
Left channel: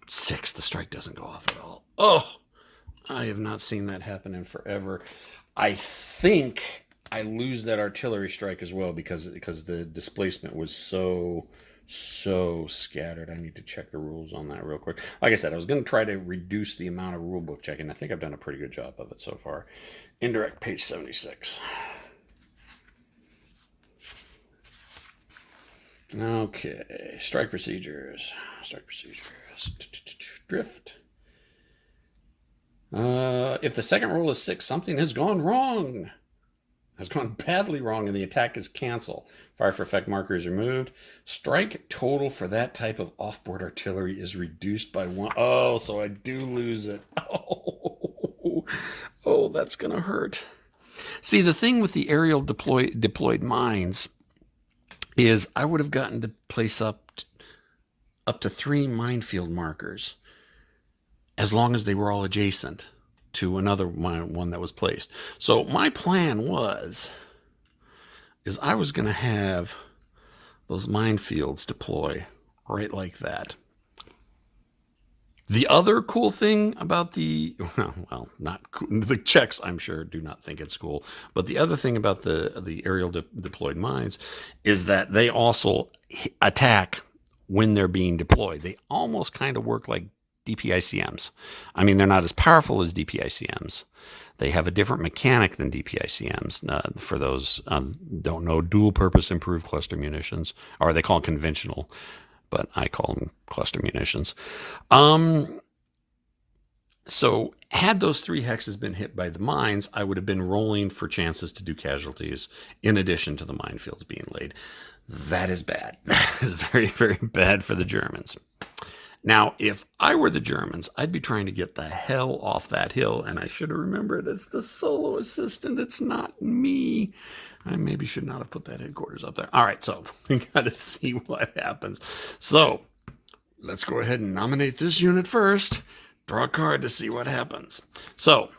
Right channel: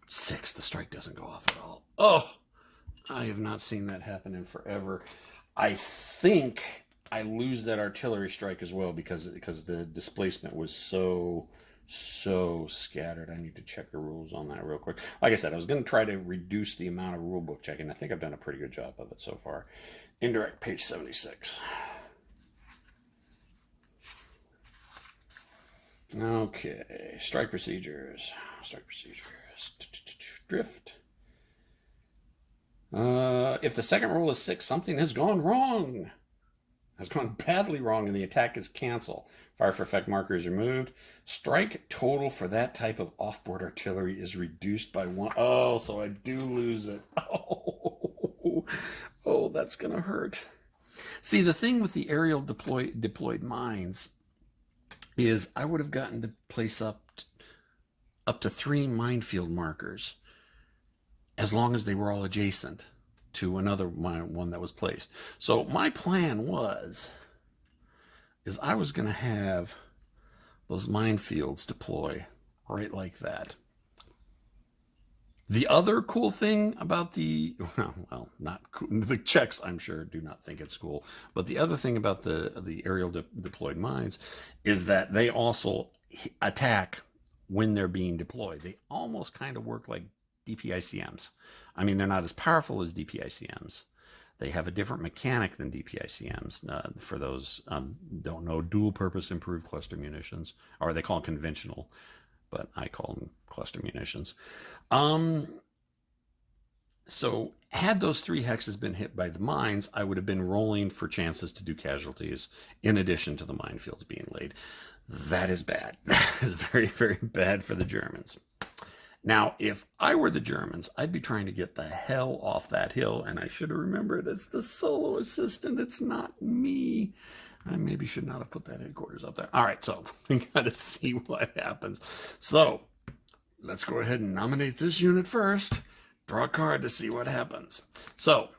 6, the strike doesn't go off at all. Oh, I have not seen that happen in forever. I think I lose that artillery strike as well because the displacement was so scattered. I need to check the rules on that real quick. Like I said, I was going to try to reduce the amount of rule book checking. I think I've done a pretty good job of it so far. Indirect, page 76. Okay, strike procedures. Drift. If the second roll is 6, something has gone wrong. Has gone badly wrong, and the attack is canceled. Fire for effect marker is removed. Strike total for that type of off-board artillery is reduced by 1. Oh, so I do lose it. Oh, that's gonna hurt. See, the thing with the aerial deployed mines is I would have gotten to place up to 3 minefield markers as long as they were all adjacent to another one that was placed. So my plan is I was going to have those minefields deploy right like that. The other cool thing about the Czechs, I'm sure, do not think it's cool, but the other thing about the aerial deployed mines is that they also attack when they're being deployed. They almost kind of work like DPICMs. I mean, they're not as powerful as DPICMs. They have a different mechanic than DPICMs. For those don't know, dual purpose improved cluster munitions, or they call them conventional, but I call them cluster munitions. So had those 3 hexes been hit by the mines, I would have been rolling for chances to do casualties in addition to the minefields being laid. That is bad. That is very, very bad for the Germans. Now, if I were the Germans, I'd be trying to get the hell off that hill, and I should have remembered it's the solo assistant. It's not me. I maybe should not have put that headquarters up there. All right, so we got to see what happens. So let's go ahead and nominate this unit first. Draw a card to see what happens. So,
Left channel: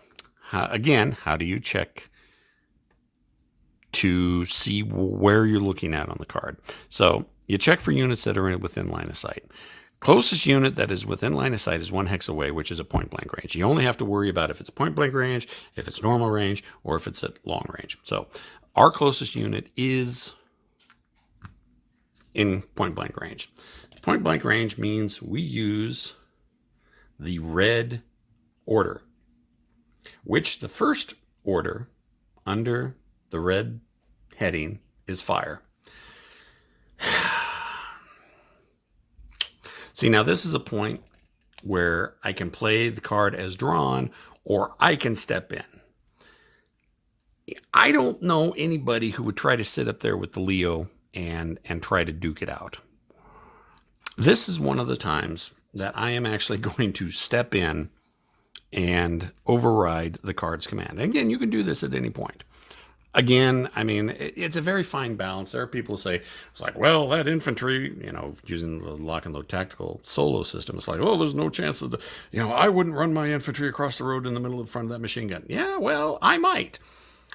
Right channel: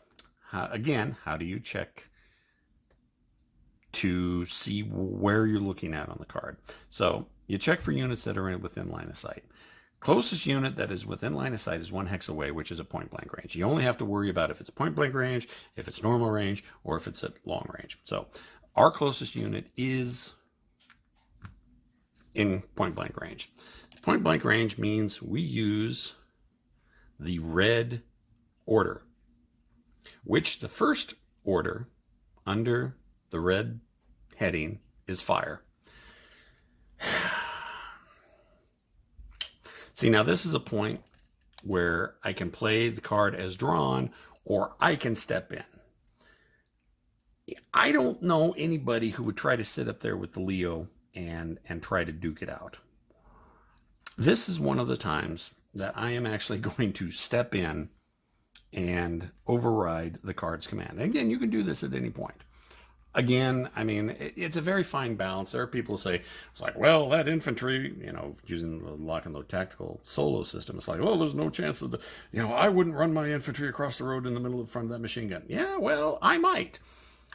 again, how do you check to see where you're looking at on the card? So you check for units that are within line of sight. Closest unit that is within line of sight is 1 hex away, which is a point blank range. You only have to worry about if it's point blank range, if it's normal range, or if it's at long range. So our closest unit is in point blank range. Point blank range means we use the red order, which the first order under the red heading is fire. See, now this is a point where I can play the card as drawn, or I can step in. I don't know anybody who would try to sit up there with the Leo and try to duke it out. This is one of the times that I am actually going to step in and override the card's command. And again, you can do this at any point. Again, I mean, it's a very fine balance. There are people who say, it's like, well, that infantry, using the lock and load tactical solo system, it's like, oh, there's no chance of I wouldn't run my infantry across the road in the middle of the front of that machine gun. Yeah, well, I might.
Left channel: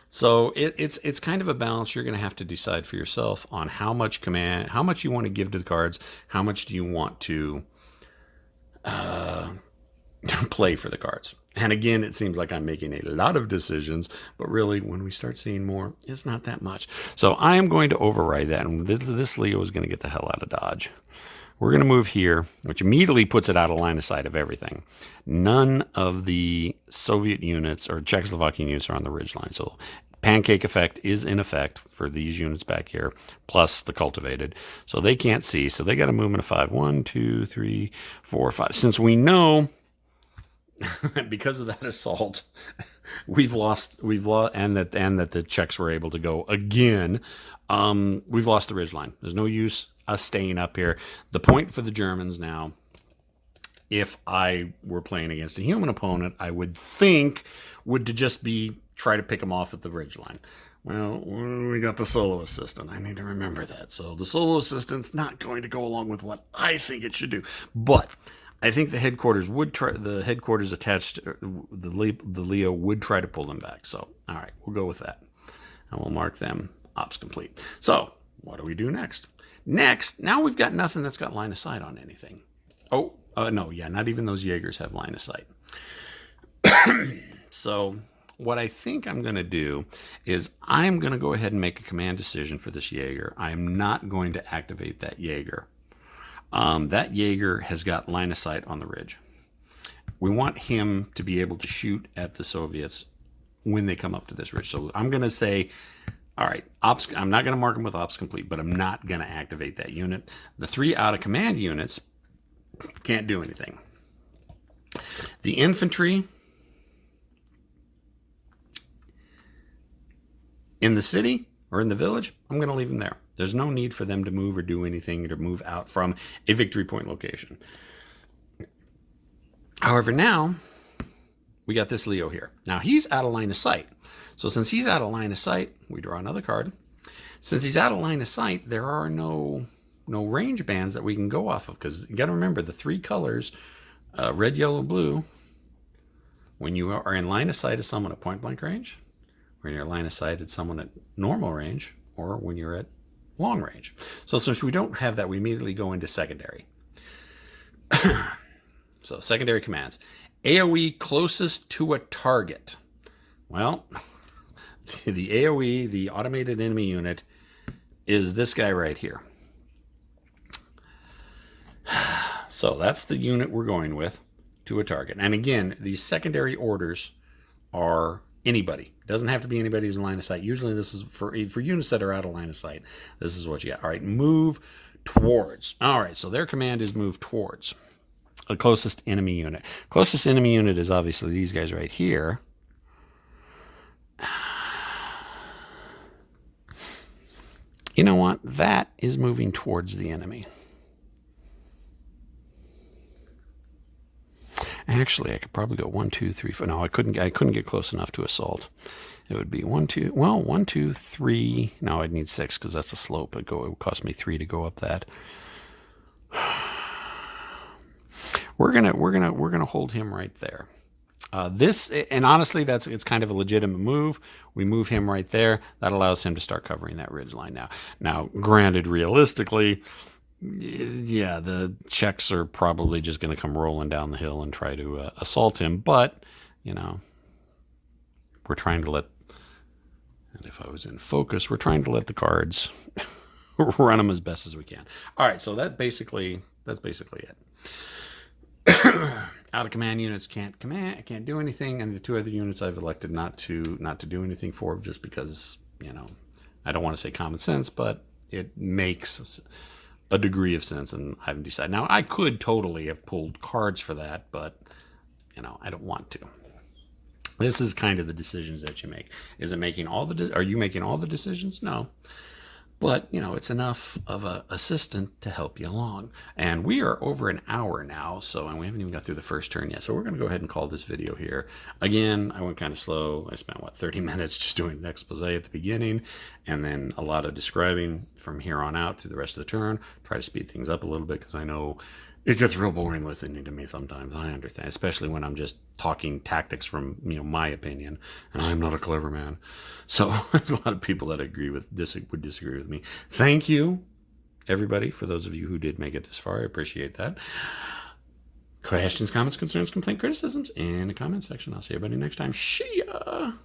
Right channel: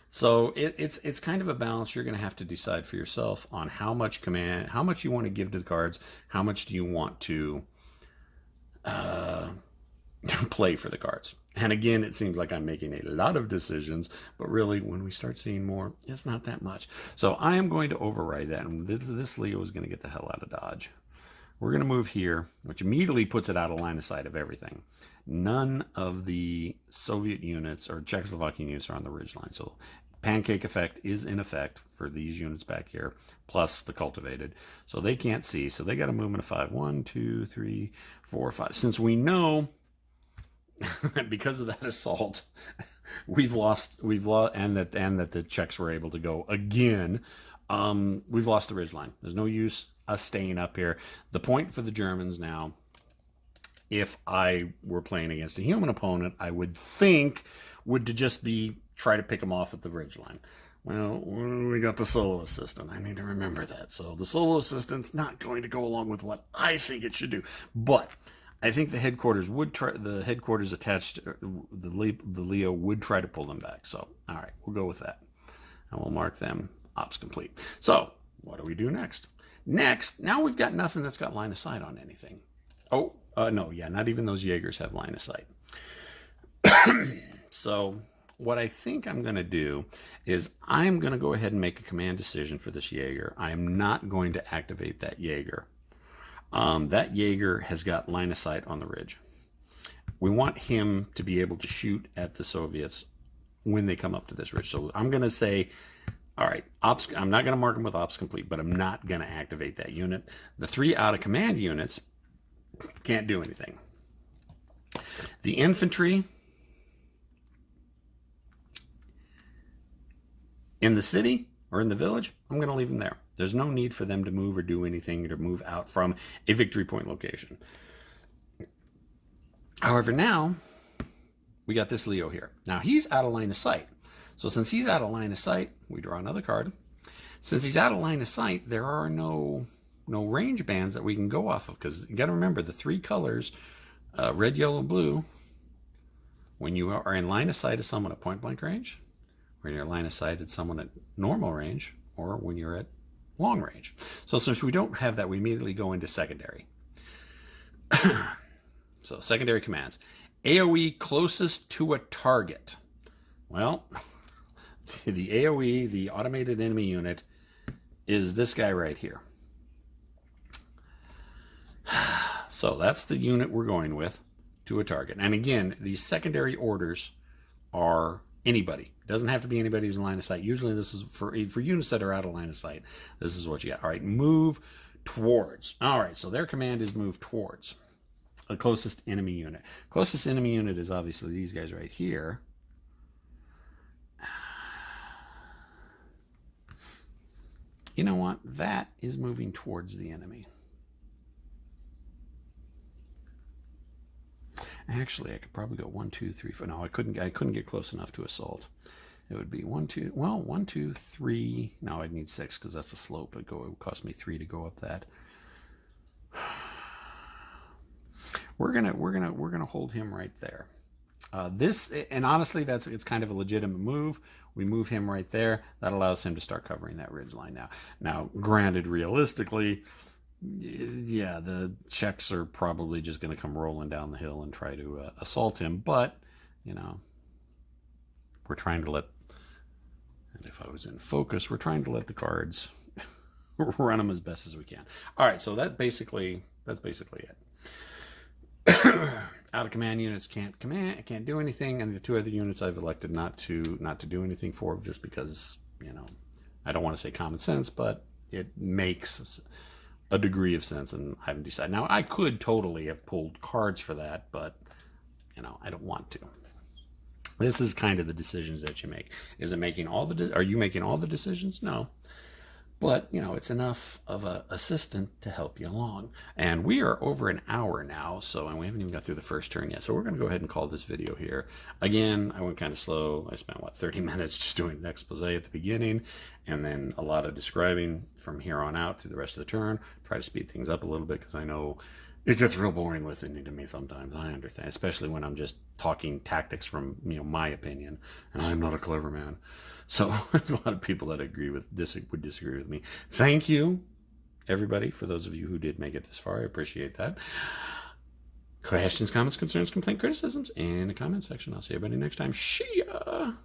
So it's kind of a balance. You're going to have to decide for yourself on how much you want to give to the cards, how much do you want to play for the cards. And again, it seems like I'm making a lot of decisions, but really, when we start seeing more, it's not that much. So I am going to override that, and this Leo is going to get the hell out of Dodge. We're going to move here, which immediately puts it out of line of sight of everything. None of the Soviet units or Czechoslovakian units are on the ridgeline. So pancake effect is in effect for these units back here, plus the cultivated. So they can't see. So they got to move in a 5. 1, 2, 3, 4, 5. Since we know because of that assault, we've lost, and that the Czechs were able to go again. We've lost the ridgeline. There's no use us staying up here. The point for the Germans now, if I were playing against a human opponent, I would think would to just be try to pick them off at the ridgeline. Well, we got the solo assistant. I need to remember that. So the solo assistant's not going to go along with what I think it should do. But I think the headquarters would try. The headquarters attached, the Leo would try to pull them back. So all right, we'll go with that, and we'll mark them ops complete. So what do we do next? Next, now we've got nothing that's got line of sight on anything. Oh, no, yeah, not even those Jaegers have line of sight. So what I think I'm going to do is I'm going to go ahead and make a command decision for this Jaeger. I am not going to activate that Jaeger. That Jaeger has got line of sight on the ridge. We want him to be able to shoot at the Soviets when they come up to this ridge. So I'm going to say, all right, ops. I'm not going to mark them with ops complete, but I'm not going to activate that unit. The 3 out of command units can't do anything. The infantry in the city or in the village, I'm going to leave them there. There's no need for them to move or do anything or to move out from a victory point location. However, now we got this Leo here. Now he's out of line of sight. So since he's out of line of sight, we draw another card. Since he's out of line of sight, there are no range bands that we can go off of, because you got to remember the 3 colors, red, yellow, blue. When you are in line of sight of someone at point blank range, when you're in line of sight at someone at normal range, or when you're at long range. So since we don't have that, we immediately go into secondary. So secondary commands. AoE closest to a target. Well, the AoE, the automated enemy unit, is this guy right here. So that's the unit we're going with to a target. And again, these secondary orders are anybody. It doesn't have to be anybody who's in line of sight. Usually this is for units that are out of line of sight. This is what you got. All right, move towards. All right, so their command is move towards the closest enemy unit. Closest enemy unit is obviously these guys right here. You know what? That is moving towards the enemy. Actually, I could probably go 1, 2, 3, 4. No, I couldn't get close enough to assault. It would be 1, 2. Well, 1, 2, 3. No, I'd need 6 because that's a slope. It would cost me 3 to go up that. We're gonna hold him right there. This, and honestly, it's kind of a legitimate move. We move him right there. That allows him to start covering that ridge line now. Now, granted, realistically, yeah, the Czechs are probably just going to come rolling down the hill and try to assault him. But, you know, we're trying to let, and if I was in focus, we're trying to let the cards run them as best as we can. All right, so that's basically it. Out of command units can't do anything, and the 2 other units I've elected not to do anything for, just because, you know, I don't want to say common sense, but it makes a degree of sense, and I haven't decided. Now, I could totally have pulled cards for that, but, you know, I don't want to. This is kind of the decisions that you make. Are you making all the decisions? No. But, you know, it's enough of an assistant to help you along. And we are over an hour now, and we haven't even got through the first turn yet. So we're going to go ahead and call this video here. Again, I went kind of slow. I spent, 30 minutes just doing an expose at the beginning, and then a lot of describing from here on out through the rest of the turn. Try to speed things up a little bit, because I know it gets real boring listening to me sometimes. I understand, especially when I'm just talking tactics from, my opinion, and I'm not a clever man. So there's a lot of people that would disagree with me. Thank you, everybody, for those of you who did make it this far. I appreciate that. Questions, comments, concerns, complaint, criticisms in the comment section. I'll see everybody next time. See ya!